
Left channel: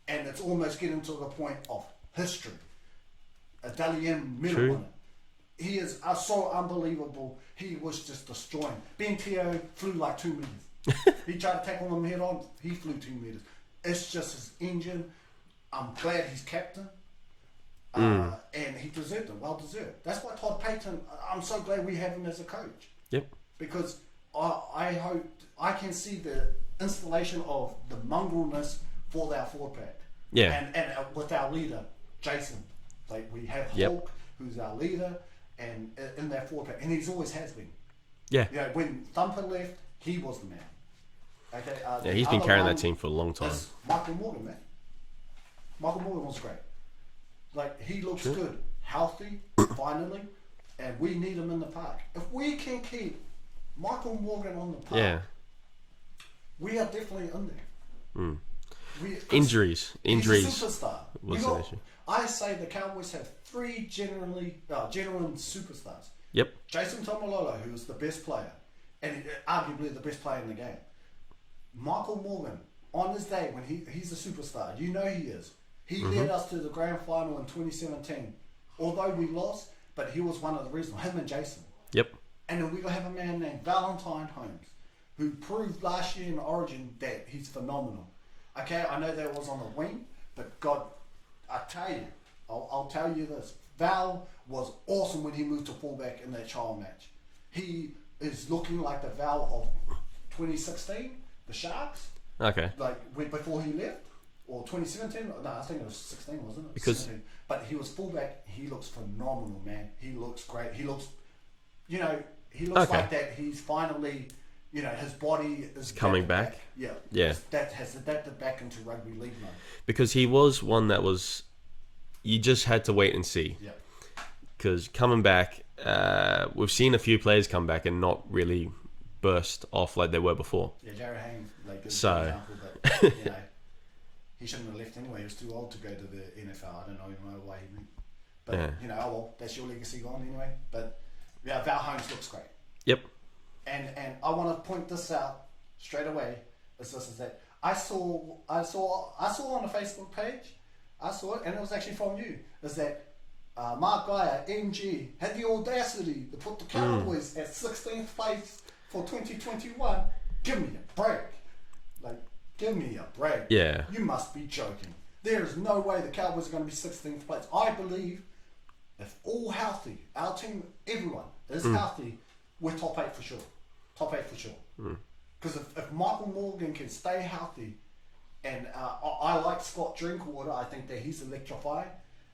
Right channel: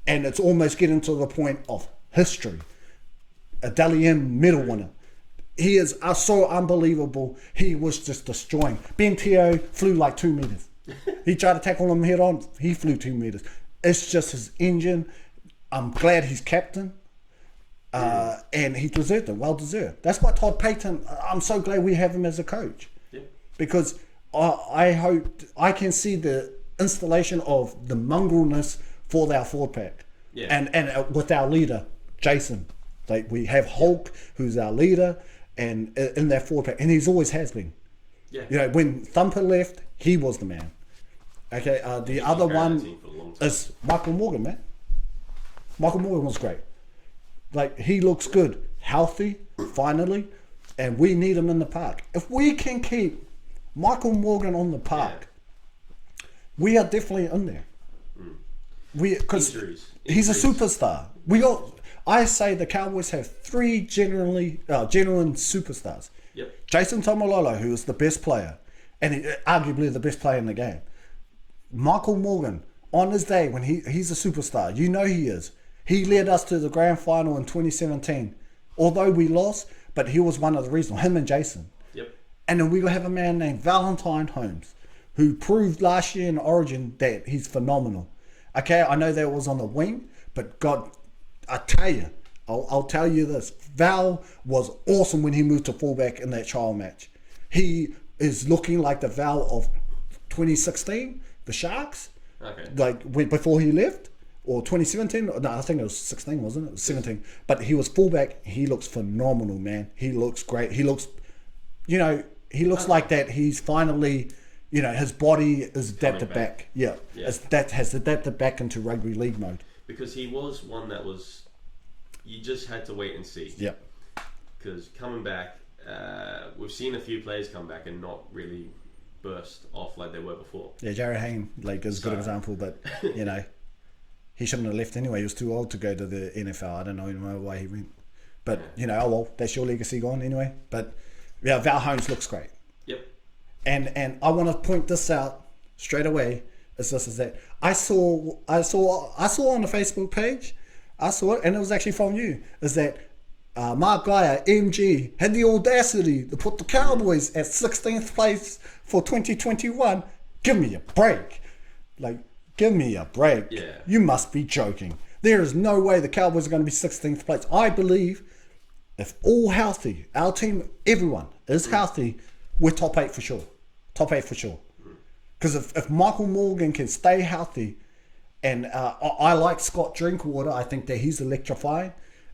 And it's almost getting to the point of history. A Dally M medal winner. He is so unbelievable. He was just destroying. Ben Teo flew like 2 meters. He tried to tackle him head on. He flew 2 meters. It's just his engine. I'm glad he's captain. And he deserved it. Well deserved. That's why Todd Payton, I'm so glad we have him as a coach. yep, Because I hope I can see the installation of the mongrelness for our forward pack. Yeah. And with our leader, Jason. Like, we have Hulk, who's our leader, and in that forward pack. And he's always has been. yeah. You know, when Thumper left, he was the man. Okay, the He's other been carrying one that team for a long time. is Michael Morgan, man. Michael Morgan was great. Like, he looks good, healthy, finally, and we need him in the park. If we can keep Michael Morgan on the park, we are definitely in there. 'Cause Injuries. He's a superstar. I say the Cowboys have 3 genuine superstars. Yep, Jason Tamalolo, who is the best player, and arguably the best player in the game. Michael Morgan, on his day when he's a superstar, you know he is. He led us to the grand final in 2017. Although we lost, but he was one of the reasons, him and Jason. yep, And then we have a man named Valentine Holmes, who proved last year in Origin that he's phenomenal. Okay, I know that was on the wing, but God, I tell you, I'll tell you this. Val was awesome when he moved to fullback in that trial match. He is looking like the Val of 2016, the Sharks. okay, Like before he left, or 2017. No, I think it was 16, wasn't it? It was 17. But he was fullback. He looks phenomenal, man. He looks great. He looks, like that. He's finally, his body is Coming adapted back. back. Yeah. That has adapted back into rugby league mode. because he was one that was, you just had to wait and see. Yeah. Because coming back, we've seen a few players come back and not really burst off like they were before. Yeah, Jared Hayne, is a good example, but he shouldn't have left anyway. He was too old to go to the NFL. I don't know why he went. But, oh well, that's your legacy gone anyway. But, yeah, Val Holmes looks great. Yep. And I want to point this out straight away. Is that I saw on the Facebook page, I saw it, and it was actually from you, is that Mark Geyer, MG, had the audacity to put the Cowboys at 16th place for 2021. Give me a break. Give me a break. Yeah. You must be joking. There is no way the Cowboys are going to be 16th place. I believe if all healthy, our team, everyone is healthy, we're top 8 for sure. Top 8 for sure. Because if Michael Morgan can stay healthy, and I like Scott Drinkwater, I think that he's electrifying,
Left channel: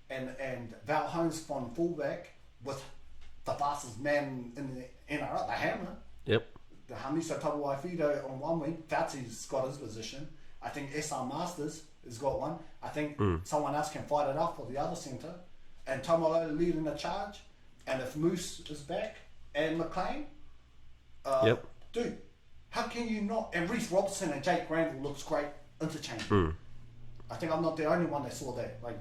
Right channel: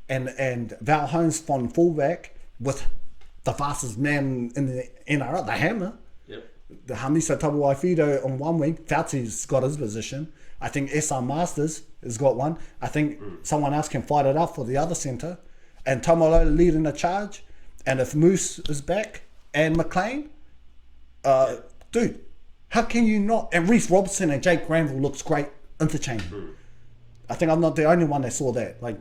and Val Holmes from fullback with the fastest man in the NRL, the Hammer. Yep. The Hamisa Tabuaifido on one wing, Fauci's got his position. I think SR Masters has got one. I think someone else can fight it out for the other centre. And Tomolo leading the charge. And if Moose is back and McLean, dude, how can you not? And Reece Robertson and Jake Granville looks great interchange. I think I'm not the only one that saw that. Like,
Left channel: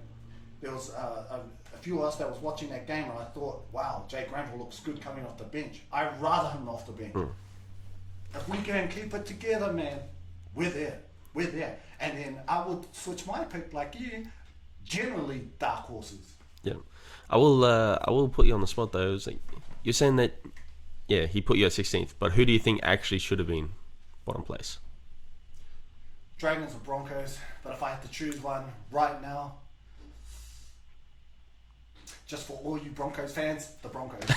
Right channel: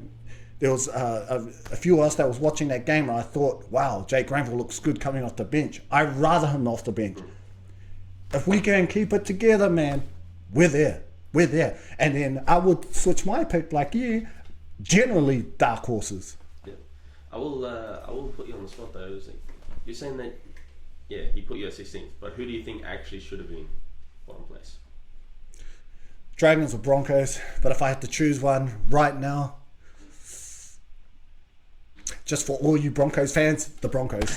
there was a few of us that was watching that game, and I thought, wow, Jake Granville looks good coming off the bench. I'd rather him off the bench. If we can keep it together, man, we're there. We're there. And then I would switch my pick like you. Generally, dark horses. Yeah. I will put you on the spot, though. It's like, you're saying that, yeah, he put you at 16th, but who do you think actually should have been bottom place? Dragons or Broncos, but if I had to choose one right now, just for all you Broncos fans, the Broncos.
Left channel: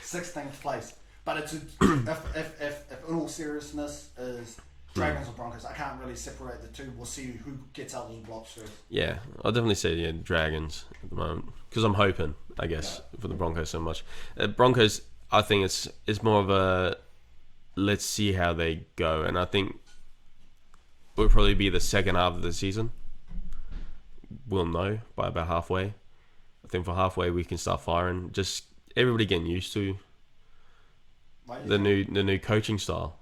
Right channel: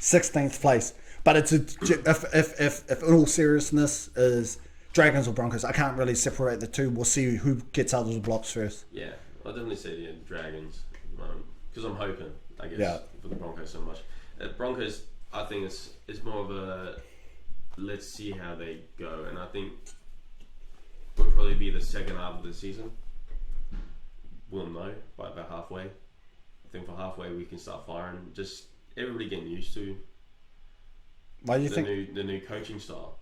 16th place. But it's if in all seriousness is Dragons or Broncos, I can't really separate the two. We'll see who gets out of the blocks first. Yeah, I'll definitely say Dragons at the moment, because I'm hoping, I guess, for the Broncos so much. Broncos, I think it's more of a let's see how they go, and I think will probably be the second half of the season. We'll know by about halfway. I think for halfway we can start firing. Just everybody getting used to the new coaching style.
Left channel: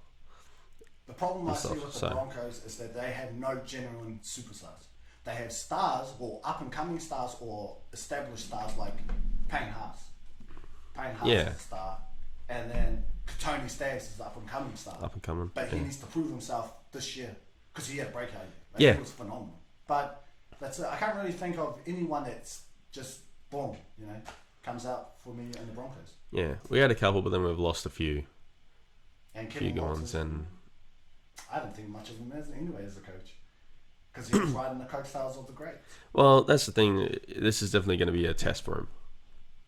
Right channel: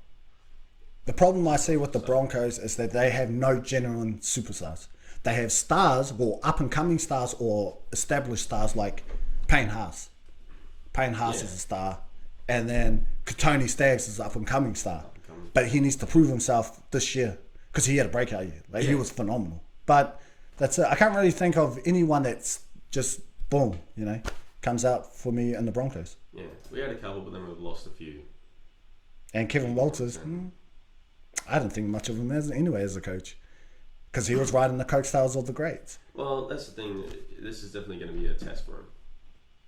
The problem I see with the Broncos is that they have no genuine superstars. They have stars, or up and coming stars, or established stars like Payne Haas. Payne Haas is a star, and then Tony Staggs is up and coming star. Up and coming, but he needs to prove himself this year. Because he had a breakout year. Like, he was phenomenal. But that's it. I can't really think of anyone that's just, boom, comes out for me in the Broncos. Yeah, we had a couple, but then we've lost a few. And Kevin Walters, I didn't think much of him as a coach. Because he was riding the coattails of the greats. Well, that's the thing. This is definitely going to be a test for him.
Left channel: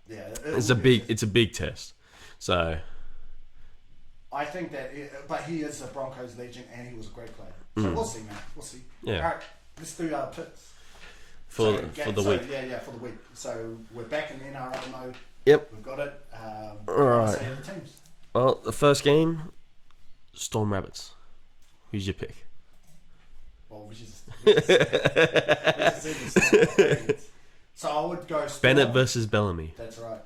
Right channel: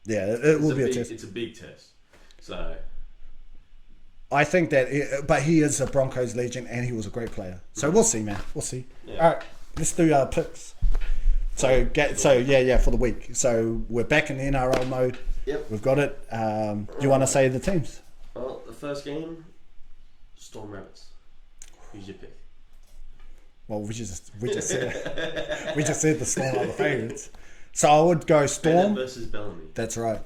Yeah, it's a big test. So I think that, but he is a Broncos legend, and he was a great player. So we'll see, man. We'll see. Yeah. All right, let's do our picks. For the week. So we're back in the NRL mode. Yep, we've got it. Do you want to say the teams? Well, the first game, Storm Rabbits. Who's your pick? Well, we just said the Storm are the favourites. So I would go Storm. Bennett versus Bellamy. That's right.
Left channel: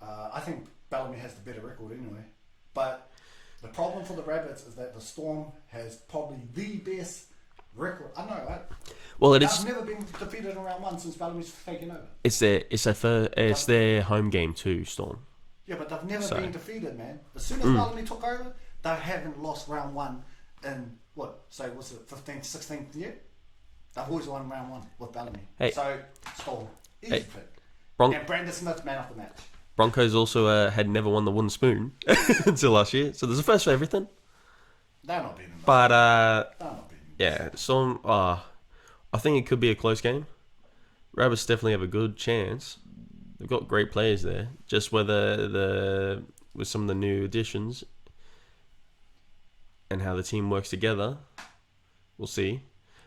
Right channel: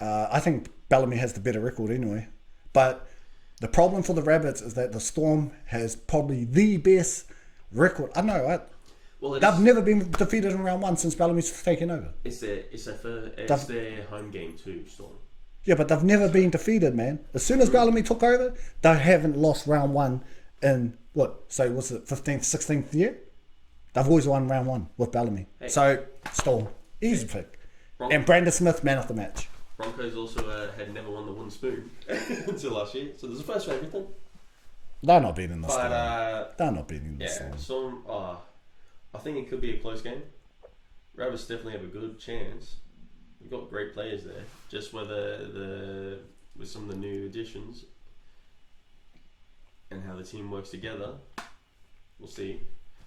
I think Bellamy has the better record anyway, but the problem for the Rabbits is that the Storm has probably the best record. I know, right? Well, they've never been defeated in round one since Bellamy's taken over. It's their home game too, Storm. Yeah, but they've never been defeated, man. As soon as Bellamy took over, they haven't lost round one in what's it, 15th, 16th year? They've always won round one with Bellamy. Hey. So Storm, easy pick. And Brandon Smith, man of the match. Broncos also had never won the wooden spoon until last year, so there's a first for everything. They're not beating the they're not beating the yeah, Storm. I think it could be a close game. Rabbits definitely have a good chance. They've got great players there. Just whether with some of the new additions and how the team works together, we'll see.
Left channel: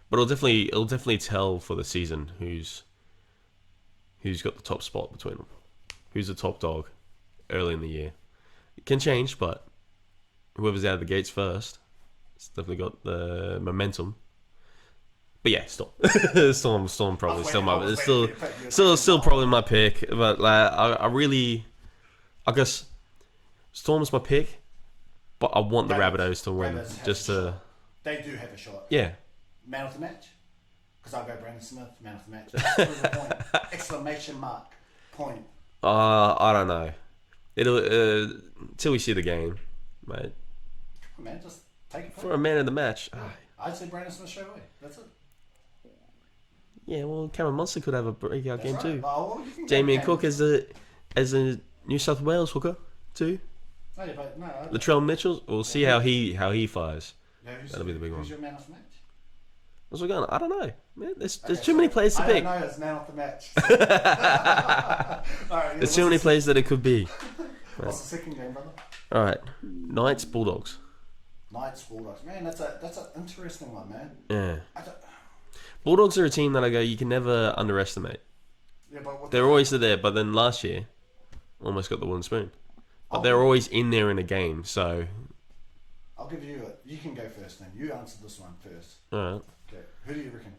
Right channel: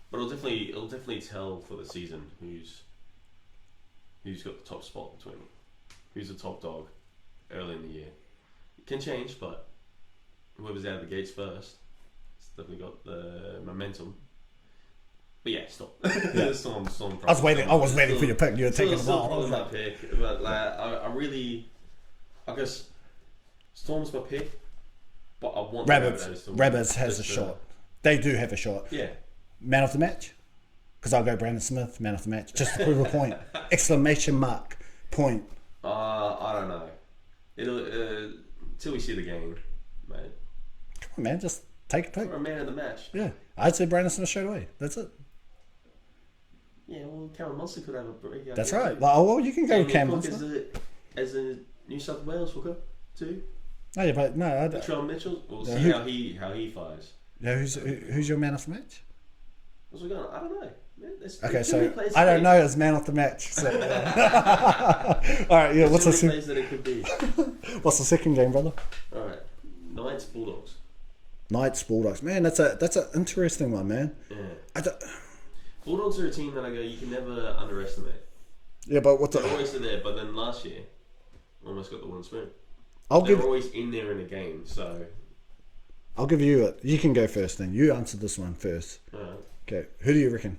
But it'll definitely tell for the season who's got the top spot between them. Who's the top dog early in the year? It can change, but whoever's out of the gates first, it's definitely got the momentum. But yeah, Storm probably. I was waiting for your pick. Still probably my pick, but I guess Storm's my pick, but I want the Rabbitohs to win. Rabbits has a shot. They do have a shot. Yeah. Man of the match? Because I'll go Brandon Smith, man of the match. Just to prove a point. Exclamation mark. Point. I don't know. It'll until we see the game, mate. Come on, man, just take a pick. For a man of the match. Yeah, I'd say Brandon Smith straight away. That's it. Yeah, well, Cameron Munster could have a breakout game. That's right. Too. Well, you can go Damien Cook as a New South Wales hooker too. No, yeah, but no. Latrell Mitchell. We'll see how he fires. Yeah, who's your man of the match? What's we going? I don't know. Man, there's too many players. I don't know as man of the match. So. All right, yeah. There's too many players that it could be. What's the second game, brother? All right, Knights Bulldogs. Knights, Bulldogs. Man, that's an interesting one, man. Yeah. Bulldogs are a team that I go, you can never underestimate. Yeah, but they're always there. But then last year, almost got the wooden spoon. They're always in there in a game, so... I'll give you it. You can go first then. You answer this one first. Alright. Okay, who do you reckon?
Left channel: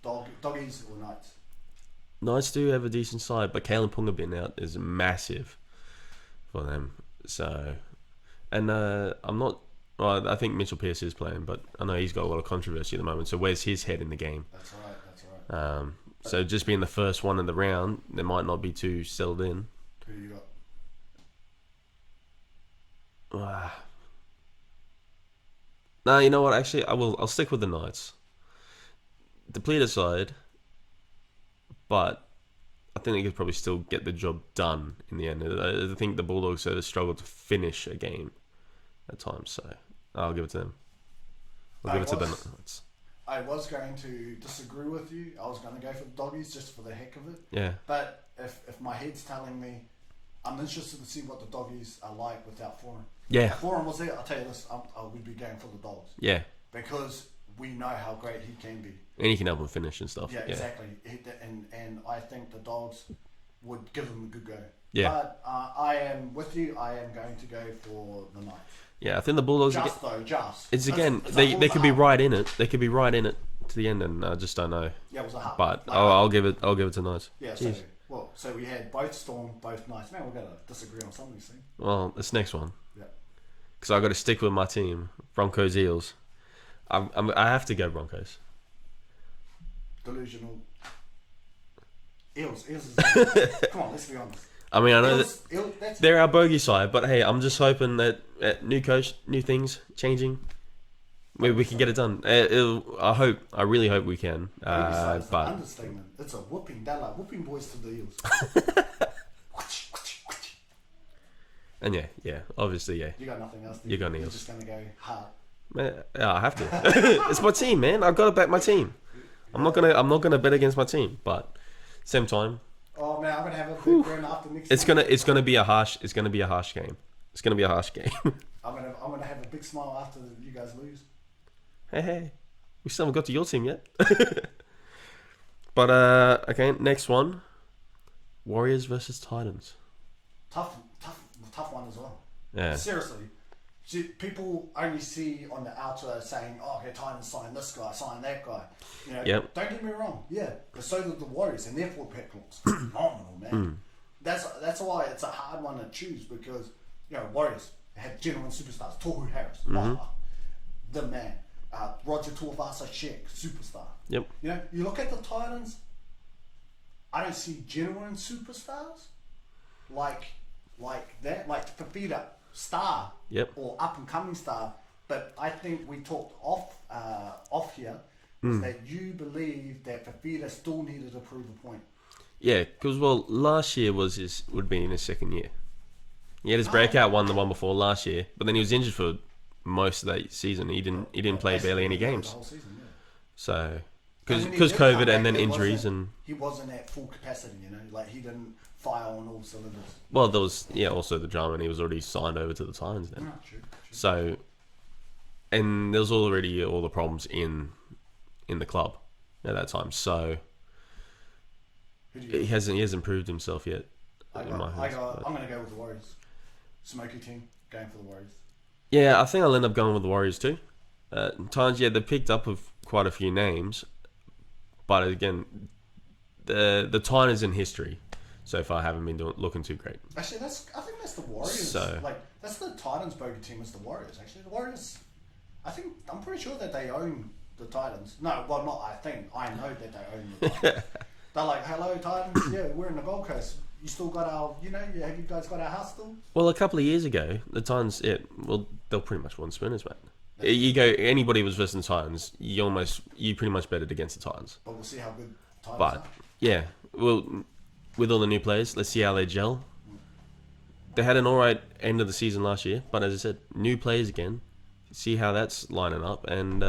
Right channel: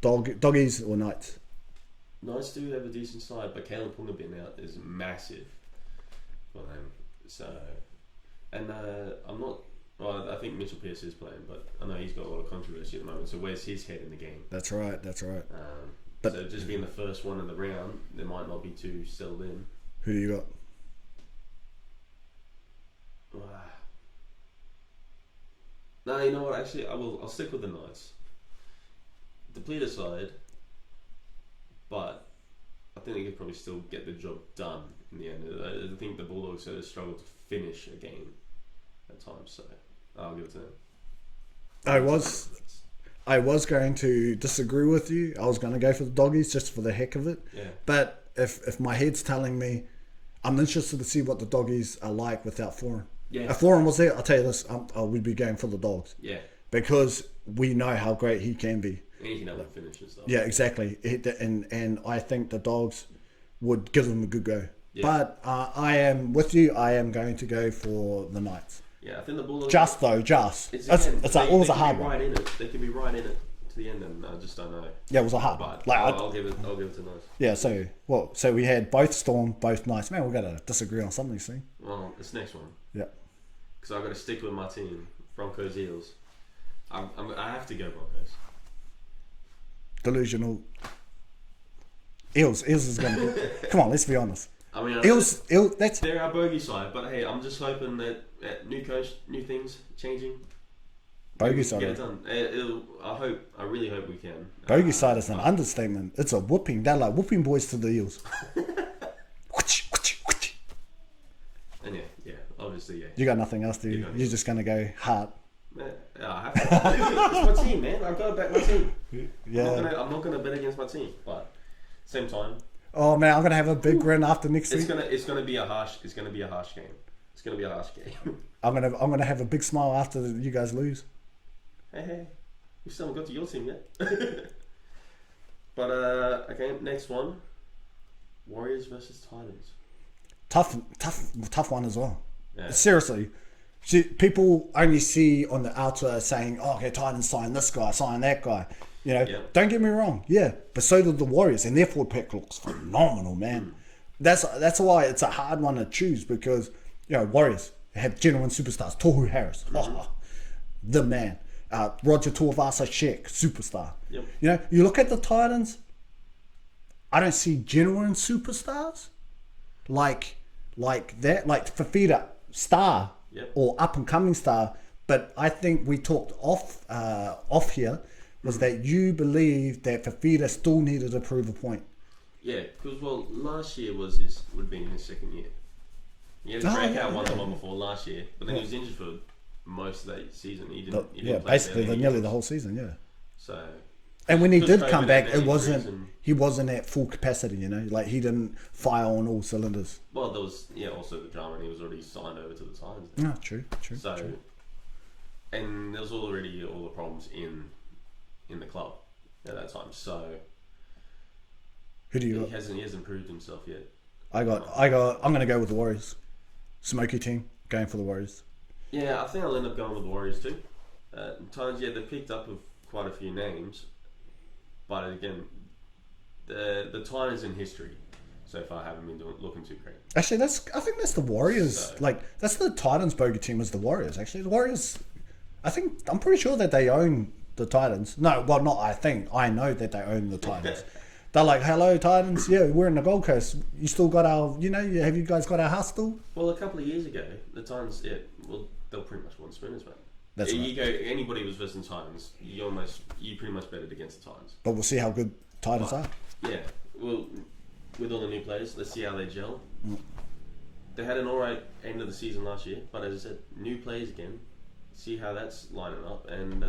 Doggies or Knights? Knights do have a decent side, but Kalen Punga being out is massive for them. So... And I'm not... Well, I think Mitchell Pearce is playing, but I know he's got a lot of controversy at the moment, so where's his head in the game? That's right. So just being the first one in the round, they might not be too settled in. Who do you got? No, you know what? Actually, I'll stick with the Knights. Depleted side, but I think they could probably still get the job done in the end. I think the Bulldogs have struggled to finish a game at times, so I'll give it to them. I was going to disagree with you. I was going to go for the Doggies just for the heck of it. Yeah. But if my head's telling me, I'm interested to see what the Doggies are like without Foran. Yeah. If Foran was there, I'll tell you this, I would be going for the Dogs. Yeah. Because we know how great he can be. And he can help him finish and stuff. Yeah, exactly. And I think the Dogs would give him a good go. Yeah. But I am with you. I am going to go for the Knights. Yeah, I think the Bulldogs... It's again, they could be right in it. They could be right in it to the end, and I just don't know. Yeah, it was a hard. But I'll give it to Knights. Yeah, so we had both Storm, both Knights. Man, we've got to disagree on something, see? Well, this next one. Yeah. Because I've got to stick with my team, Broncos Eels. I have to go Broncos. Delusional. Eels is going to... Come on, let's be honest. I mean, I know that's... they're our bogey side, but hey, I'm just hoping that new coach, new things, changing, maybe we can get it done. I really hope we can. Bogey side is an understatement. It's a whooping. They're like whooping boys to the Eels. And yeah, obviously, yeah. You got nothing else, do you? You're just going to go hard. Man, I have to. It's my team, man. I've got to back my team. Yeah. I'm not gonna bet against my team, but same time. Oh man, I'm gonna have a big win after next. It's gonna be a harsh game. It's gonna be a harsh game. I'm gonna have a big smile after you guys lose. Hey, we still haven't got to your team yet. But okay, next one. Warriors versus Titans. Tough one as well. Yeah. Seriously. People only see on the outer saying, "Oh, okay, Titans sign this guy, sign that guy." You know, Don't get me wrong, yeah, but so did the Warriors, and their forward pack looks phenomenal, man. That's why it's a hard one to choose because Warriors have genuine superstars. Tohu Harris, the man. Roger Tuivasa Sheck, superstar. Yep. You look at the Titans. I don't see genuine superstars like that, like Fafita, star. Yep. Or up and coming star, but I think we talked off here was that you believe that Fafita still needed to prove a point. Yeah, because last year would be in his second year. He had his breakout one, the one before last year, but then he was injured for most of that season. He didn't play barely any games the whole season. Yeah. So. And when he did COVID come back, he wasn't at full capacity, like he didn't fire on all cylinders. Well, there was also the drama, and he was already signed over to the Titans now. No, true. So, true. And there was already all the problems in the club at that time. So, who do you? He hasn't proved himself yet. I'm gonna go with the Warriors. Smoky team going for the Warriors. Yeah, I think I'll end up going with the Warriors too. Titans, they picked up with quite a few names. But again, the Titans in history so far haven't been looking too great. Actually, I think that's the Warriors. That's the Titans bogey team is the Warriors. Actually, the Warriors. I'm pretty sure that they own the Titans. No, well, not I think. I know that they own the Titans. They're like, hello, Titans. Yeah, we're in the Gold Coast. You still got our, have you guys got our house still? Well, a couple of years ago, the Titans, they'll pretty much won spinners, mate. That's you go, anybody was versus the Titans, you pretty much bet it against the Titans. But we'll see how good Titans are. Yeah, well, with all the new players, let's see how they gel. They had an alright end of the season last year, but as I said, new players again. See how that's lining up, and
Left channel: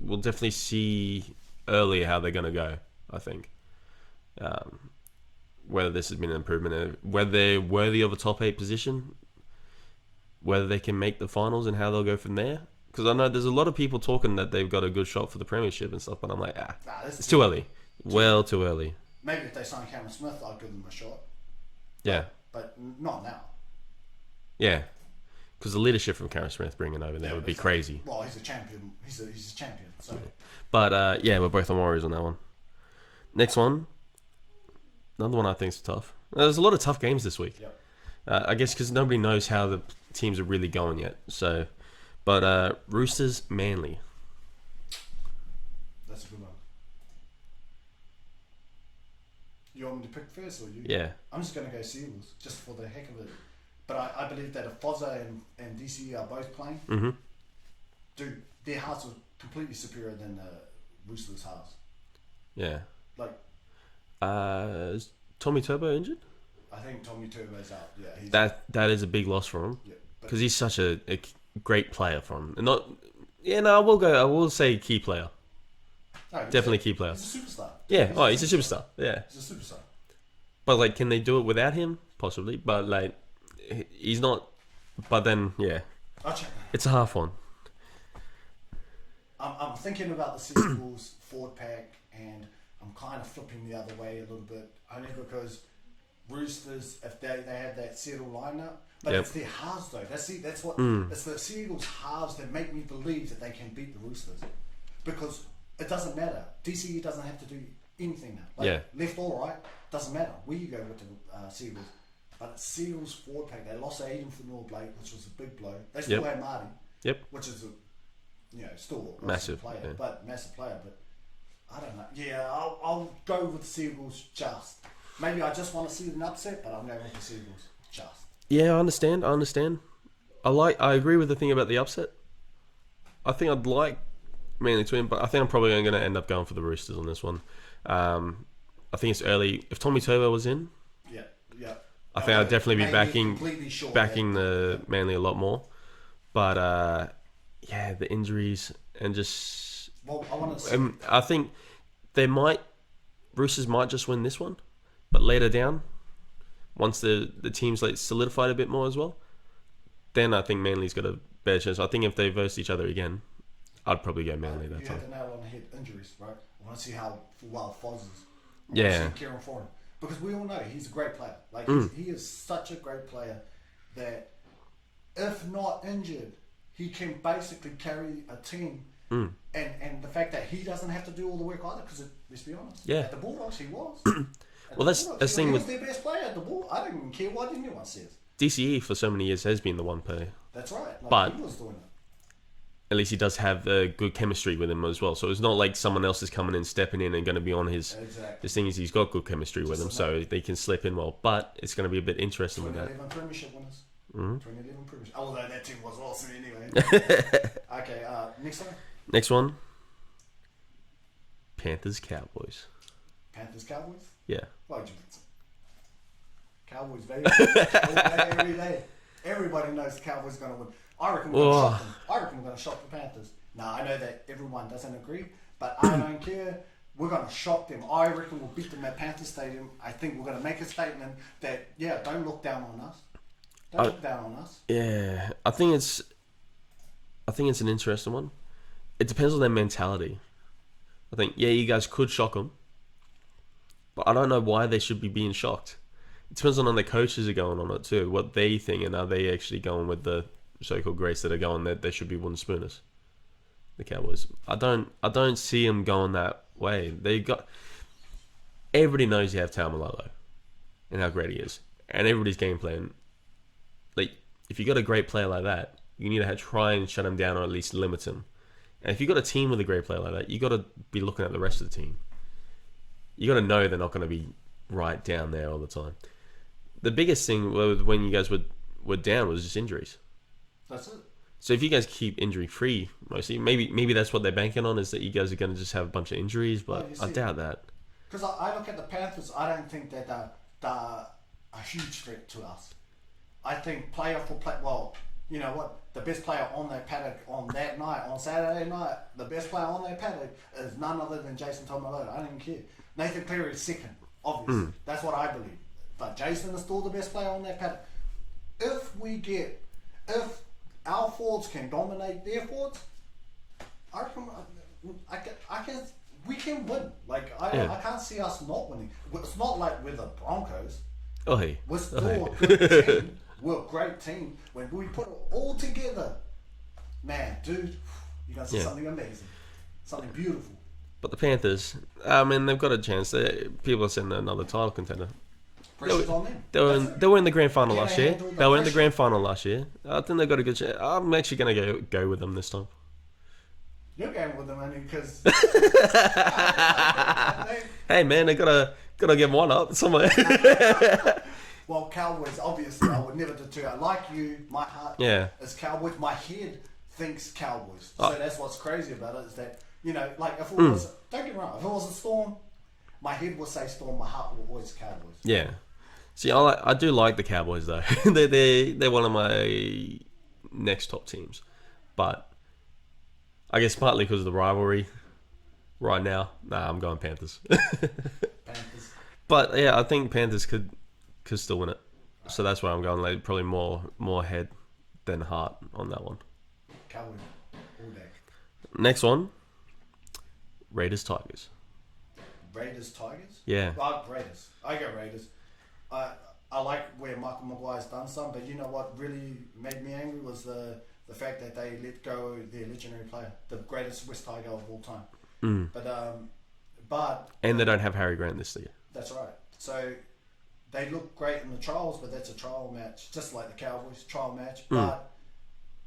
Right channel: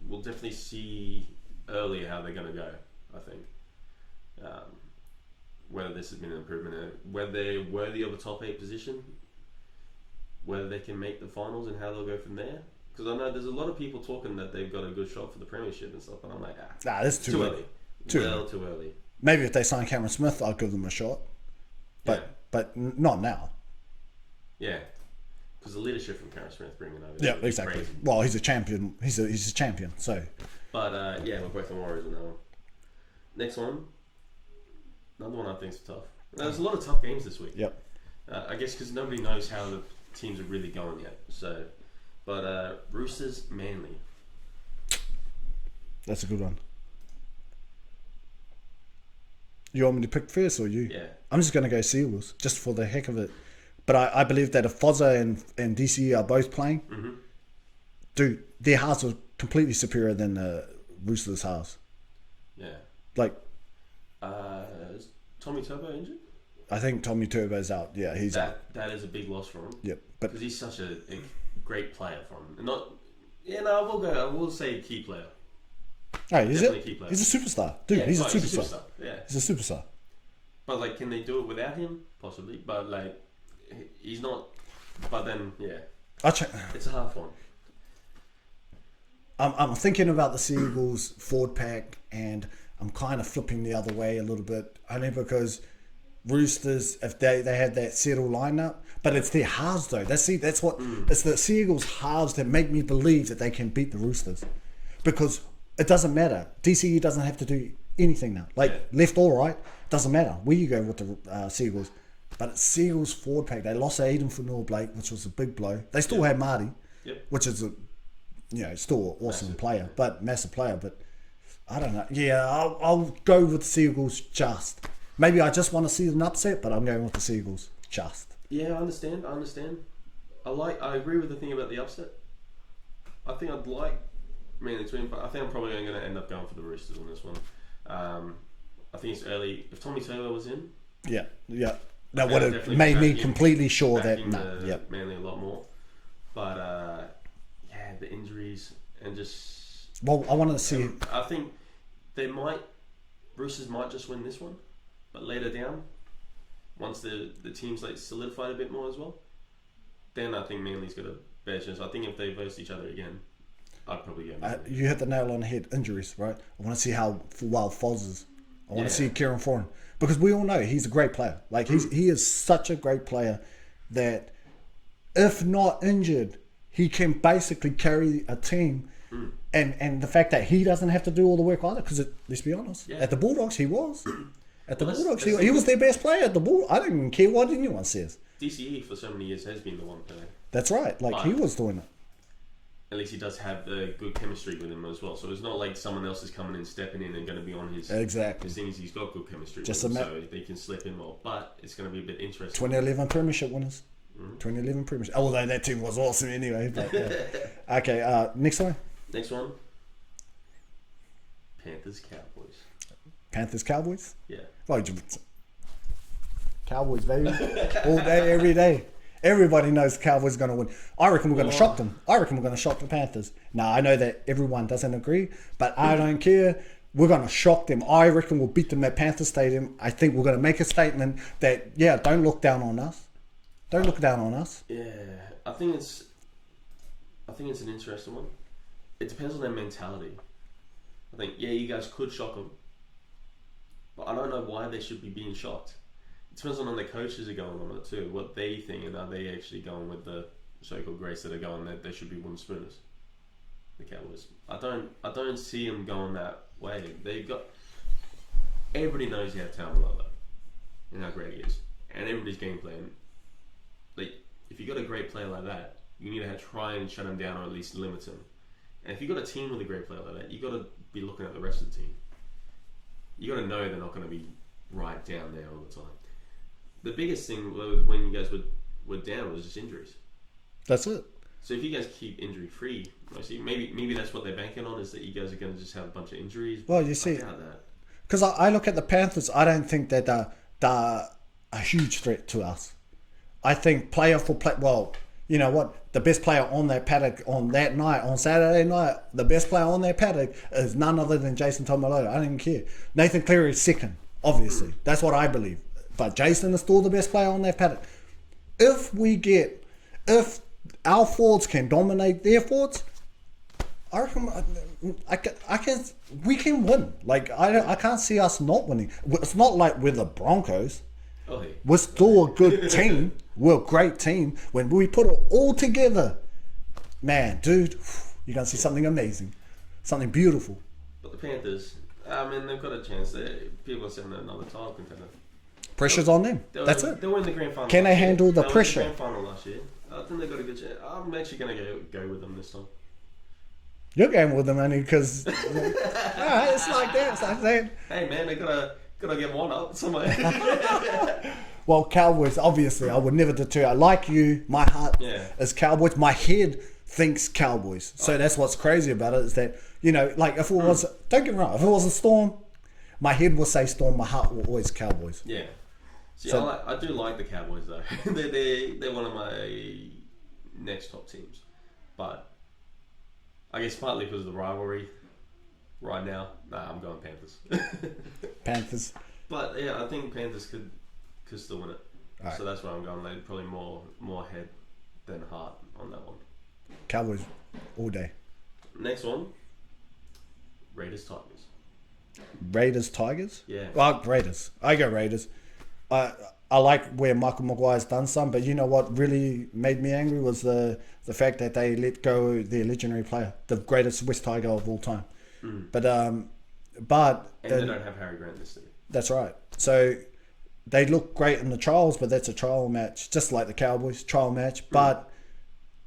we'll definitely see earlier how they're going to go, I think. Whether this has been an improvement, whether they're worthy of a top 8 position, whether they can make the finals and how they'll go from there. Because I know there's a lot of people talking that they've got a good shot for the premiership and stuff, but I'm like, that's it's too early. Too early. Maybe if they sign Cameron Smith, I'll give them a shot. But not now. Yeah. Because the leadership from Cameron Smith bringing over there would be crazy. Well, he's a champion. He's a champion. So, but we're both on Warriors on that one. Next one, another one I think is tough. There's a lot of tough games this week. Yep. I guess because nobody knows how the teams are really going yet. So, but Roosters Manly. That's a good one. You want me to pick first or you? Yeah. I'm just going to go Seagulls just for the heck of it. But I believe that if Fozza and DCE are both playing, dude, their halves are completely superior than the Roosters' halves. Yeah. Like, is Tommy Turbo injured? I think Tommy Turbo's out. Yeah, he's that is a big loss for him. Yep. Because he's such a great player for him. And not, I will say key player. Oh, definitely key player. He's a superstar. Dude, yeah, he's a superstar. Yeah, he's a superstar. But like, can they do it without him? Possibly. But like, he's not. But then, yeah, it's a half one. I'm thinking about the Seagulls forward pack, and I'm kind of flipping the other way a little bit, only because Roosters, if they had that settled lineup, but it's their halves though. That's what it's the Seagulls halves that make me believe that they can beat the Roosters, because it doesn't matter. DCE doesn't have to do anything now. Left or right, doesn't matter where you go with the Seagulls. But it's Seagulls forward pack. They lost Aiden Fanua-Blake, which was a big blow. They still had Marty, which is still an awesome player, but massive player. But I don't know. Yeah, I'll go with the Seagulls just. Maybe I just want to see an upset, but I'm going with the Seagulls just. Yeah, I understand. I agree with the thing about the upset. I think I'd like Manly to win, but I think I'm probably going to end up going for the Roosters on this one. I think it's early. If Tommy Turbo was in, I think I'd definitely be backing the Manly a lot more. But the injuries and just. Well, I want to see. I think Roosters might just win this one, but later down, once the team's like solidified a bit more as well, then I think Manly's got a better chance. I think if they verse each other again, I'd probably go Manly. You hit the nail on the head. Injuries, right? I want to see how wild Foz is. I want to see Kieran Foran. Because we all know he's a great player. Like, he is such a great player that if not injured, he can basically carry a team. And the fact that he doesn't have to do all the work either, because let's be honest, at the Bulldogs he was. At the Bulldogs, he was their best player at the Bulldogs. I don't even care what anyone says. DCE for so many years has been the one player. That's right. Like, he was doing it. At least he does have good chemistry with him as well. So it's not like someone else is coming in, stepping in, and going to be on his... Exactly. The thing is, he's got good chemistry with him, so they can slip in well. But it's going to be a bit interesting. 2011 Premiership winners. 2011 Premiership. Although that team was awesome anyway. But, okay, next one. Next one. Panthers-Cowboys. Panthers-Cowboys? Yeah. Oh, Cowboys, baby. All day, every day. Everybody knows the Cowboys are going to win. I reckon we're going to shock them. I reckon we're going to shock the Panthers. Now, I know that everyone doesn't agree, but I don't care. We're going to shock them. I reckon we'll beat them at Panther Stadium. I think we're going to make a statement that, don't look down on us. Don't look down on us. Yeah, I think it's an interesting one. It depends on their mentality. I think, you guys could shock them, but I don't know why they should be being shocked. It depends on the coaches are going on it too, what they think, and are they actually going with the so-called greats that are going that they should be wooden spooners, the Cowboys. I don't see them going that way. Everybody knows you have Taumalolo and how great he is, and everybody's game plan. Like, if you got a great player like that, you need to try and shut him down or at least limit him. And if you got a team with a great player like that, you got to be looking at the rest of the team. You got to know they're not going to be right down there all the time. The biggest thing when you guys were down was just injuries. That's it. So if you guys keep injury free, mostly, maybe that's what they're banking on, is that you guys are going to just have a bunch of injuries. But I doubt that. Because I look at the Panthers, I don't think that they're a huge threat to us. I think player for player. Well, you know what? The best player on that paddock on that night, on Saturday night, the best player on that paddock is none other than Jason Taumalolo. I don't even care. Nathan Cleary is second, obviously. That's what I believe. But Jason is still the best player on that paddock. If if our forwards can dominate their forwards, I reckon we can win. Like I can't see us not winning. It's not like we're the Broncos. Oh, hey. We're still a good team. We're a great team. When we put it all together, man, dude, you're gonna see something amazing, something beautiful. But the Panthers, I mean, they've got a chance. People are saying they're another title contender. Pressure's on them. They were in the grand final Can last they year. handle the They were in the pressure? grand final last year. I think they've got a good chance. I'm actually going to go with them this time. You're going with them only because it's like that. Hey, man, they gotta get one up somewhere. Well, Cowboys, obviously, I would never deter. I like you. My heart is Cowboys. My head thinks Cowboys. So that's what's crazy about it is that, you know, like if it was, don't get me wrong, if it was a Storm, my head will say Storm, my heart will always Cowboys. Yeah. See, I do like the Cowboys though. they're one of my next top teams, but I guess partly because of the rivalry. Right now, I'm going Panthers. Panthers. But yeah, I think Panthers could still win it. Right. So that's why I'm going. Like probably more head than heart on that one. Cowboys all day. Next one, Raiders Tigers. Raiders Tigers. Yeah. Well, Raiders. I go Raiders. I like where Michael Maguire's done some, but you know what really made me angry was the fact that they let go their legendary player, the greatest West Tiger of all time. But they don't have Harry Grant this year. That's right. So they look great in the trials, but that's a trial match, just like the Cowboys trial match. But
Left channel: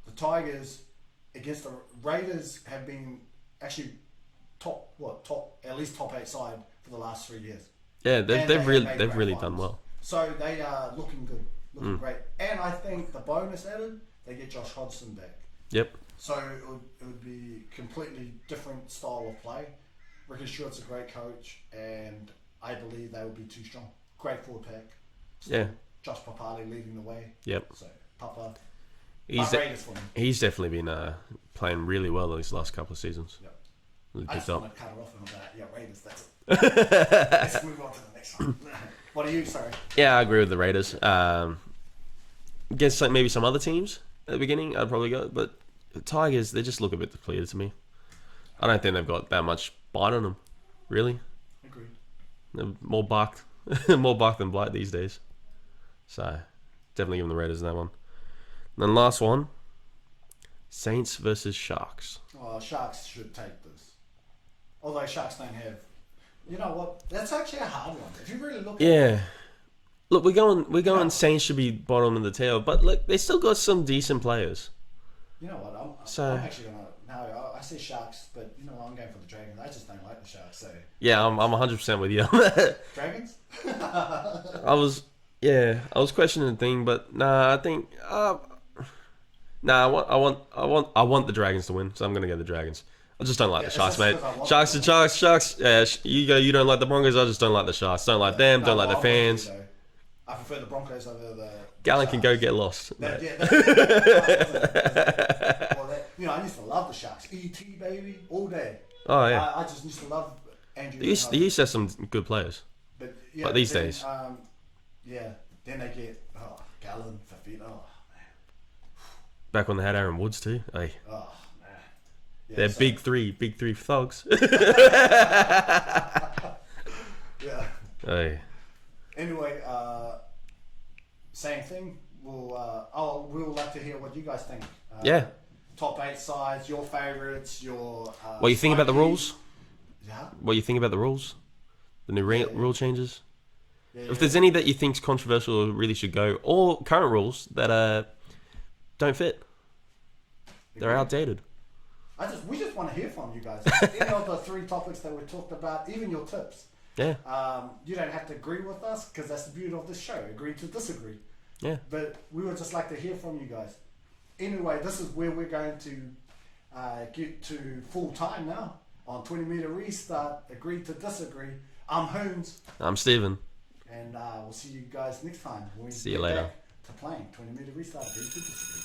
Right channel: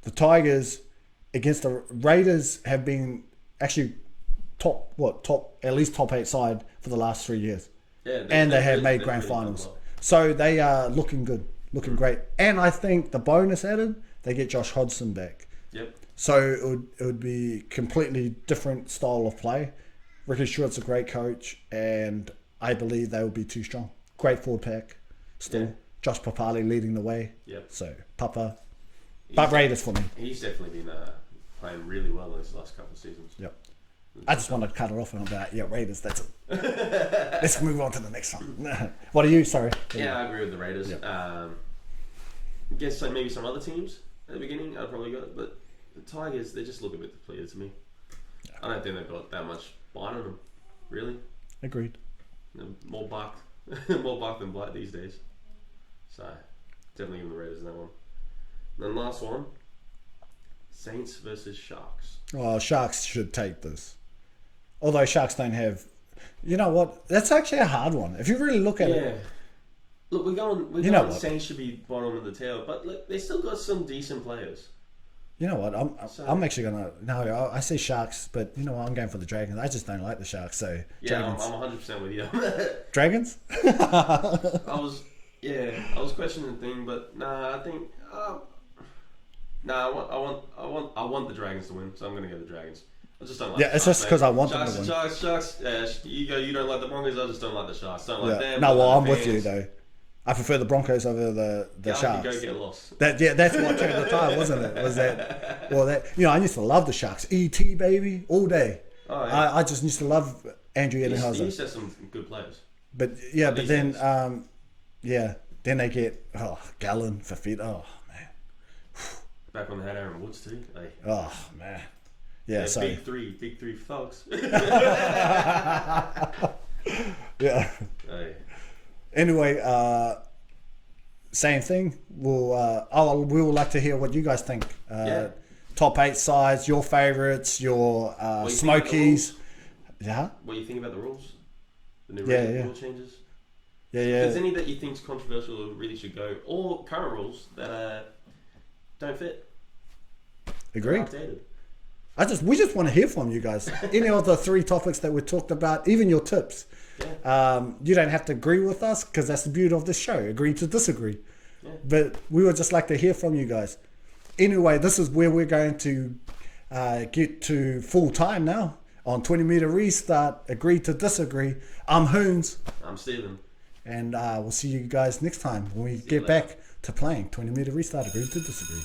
the Tigers against the Raiders have been actually top at least top 8 side for the last 3 years. Yeah, they have made grand really finals. done well. So they are looking good, looking great. And I think the bonus added, they get Josh Hodgson back. Yep. So it would be completely different style of play. Ricky Stewart's a great coach, and I believe they will be too strong. Great forward pack. Still, Yeah. Josh Papali leading the way. Yep. So Papa, He's Raiders for me. He's definitely been playing really well these last couple of seasons. Yep. I just want to cut it off and I'm like, yeah, Raiders, that's it. Let's move on to the next one. What are you? Sorry. Yeah, I agree with the Raiders. Yeah. Guess like maybe some other teams at the beginning I'd probably go, but the Tigers, they just look a bit depleted to me. I don't think they've got that much bite on them, really. Agreed. They're more bark than blight these days. So definitely give them the Raiders in that one. And then last one, Saints versus Sharks. Oh, Sharks should take this. Although Sharks don't have... You know what? That's actually a hard one. If you really look at it... Look, we're going what? Saints should be bottom of the tail, but look, they still got some decent players. You know what? I'm actually going to... No, I say Sharks, but you know what? I'm going for the Dragons. I just don't like the Sharks, so... Yeah, Dragons. I'm 100% with you. Dragons? I was questioning the thing, but nah, I think... I want the Dragons to win, so I'm going to go the Dragons. I just don't like the Sharks, it's just because I want Sharks them to to Sharks. Yeah, you don't like the Broncos. I just don't like the Sharks. Don't like them. No, don't well, like I'm the fans. with you, though. I prefer the Broncos over the Gallon Sharks. can go get lost. That's what at the time, wasn't it? Was that, you know, I used to love the Sharks. E.T. baby, all day. Oh yeah. I just used to love Andrew He used Ebenhauser. to have some good players. But yeah, these then days. then they get Gallon, Fafita. Oh man. Back when they had Aaron Woods too. Hey. Oh man. Yeah. They're so, big three thugs. Yeah. Hey. Anyway, same thing. We would like to hear what you guys think. Top 8 sides, your favourites, your What you think about the rules? Yeah. What you think about the rules? The new rule changes? Yeah, If there's any that you think's controversial or really should go, or current rules that don't fit. They're Agreed. outdated. We just want to hear from you guys. Any of the 3 topics that we talked about, even your tips. Yeah. You don't have to agree with us because that's the beauty of this show. Agree to disagree. Yeah. But we would just like to hear from you guys. Anyway, this is where we're going to get to full time now on 20 meter restart. Agree to disagree. I'm Hoonz. I'm Steven. And we'll see you guys next time when we See you get later. back to playing 20 meter restart. Agree to disagree.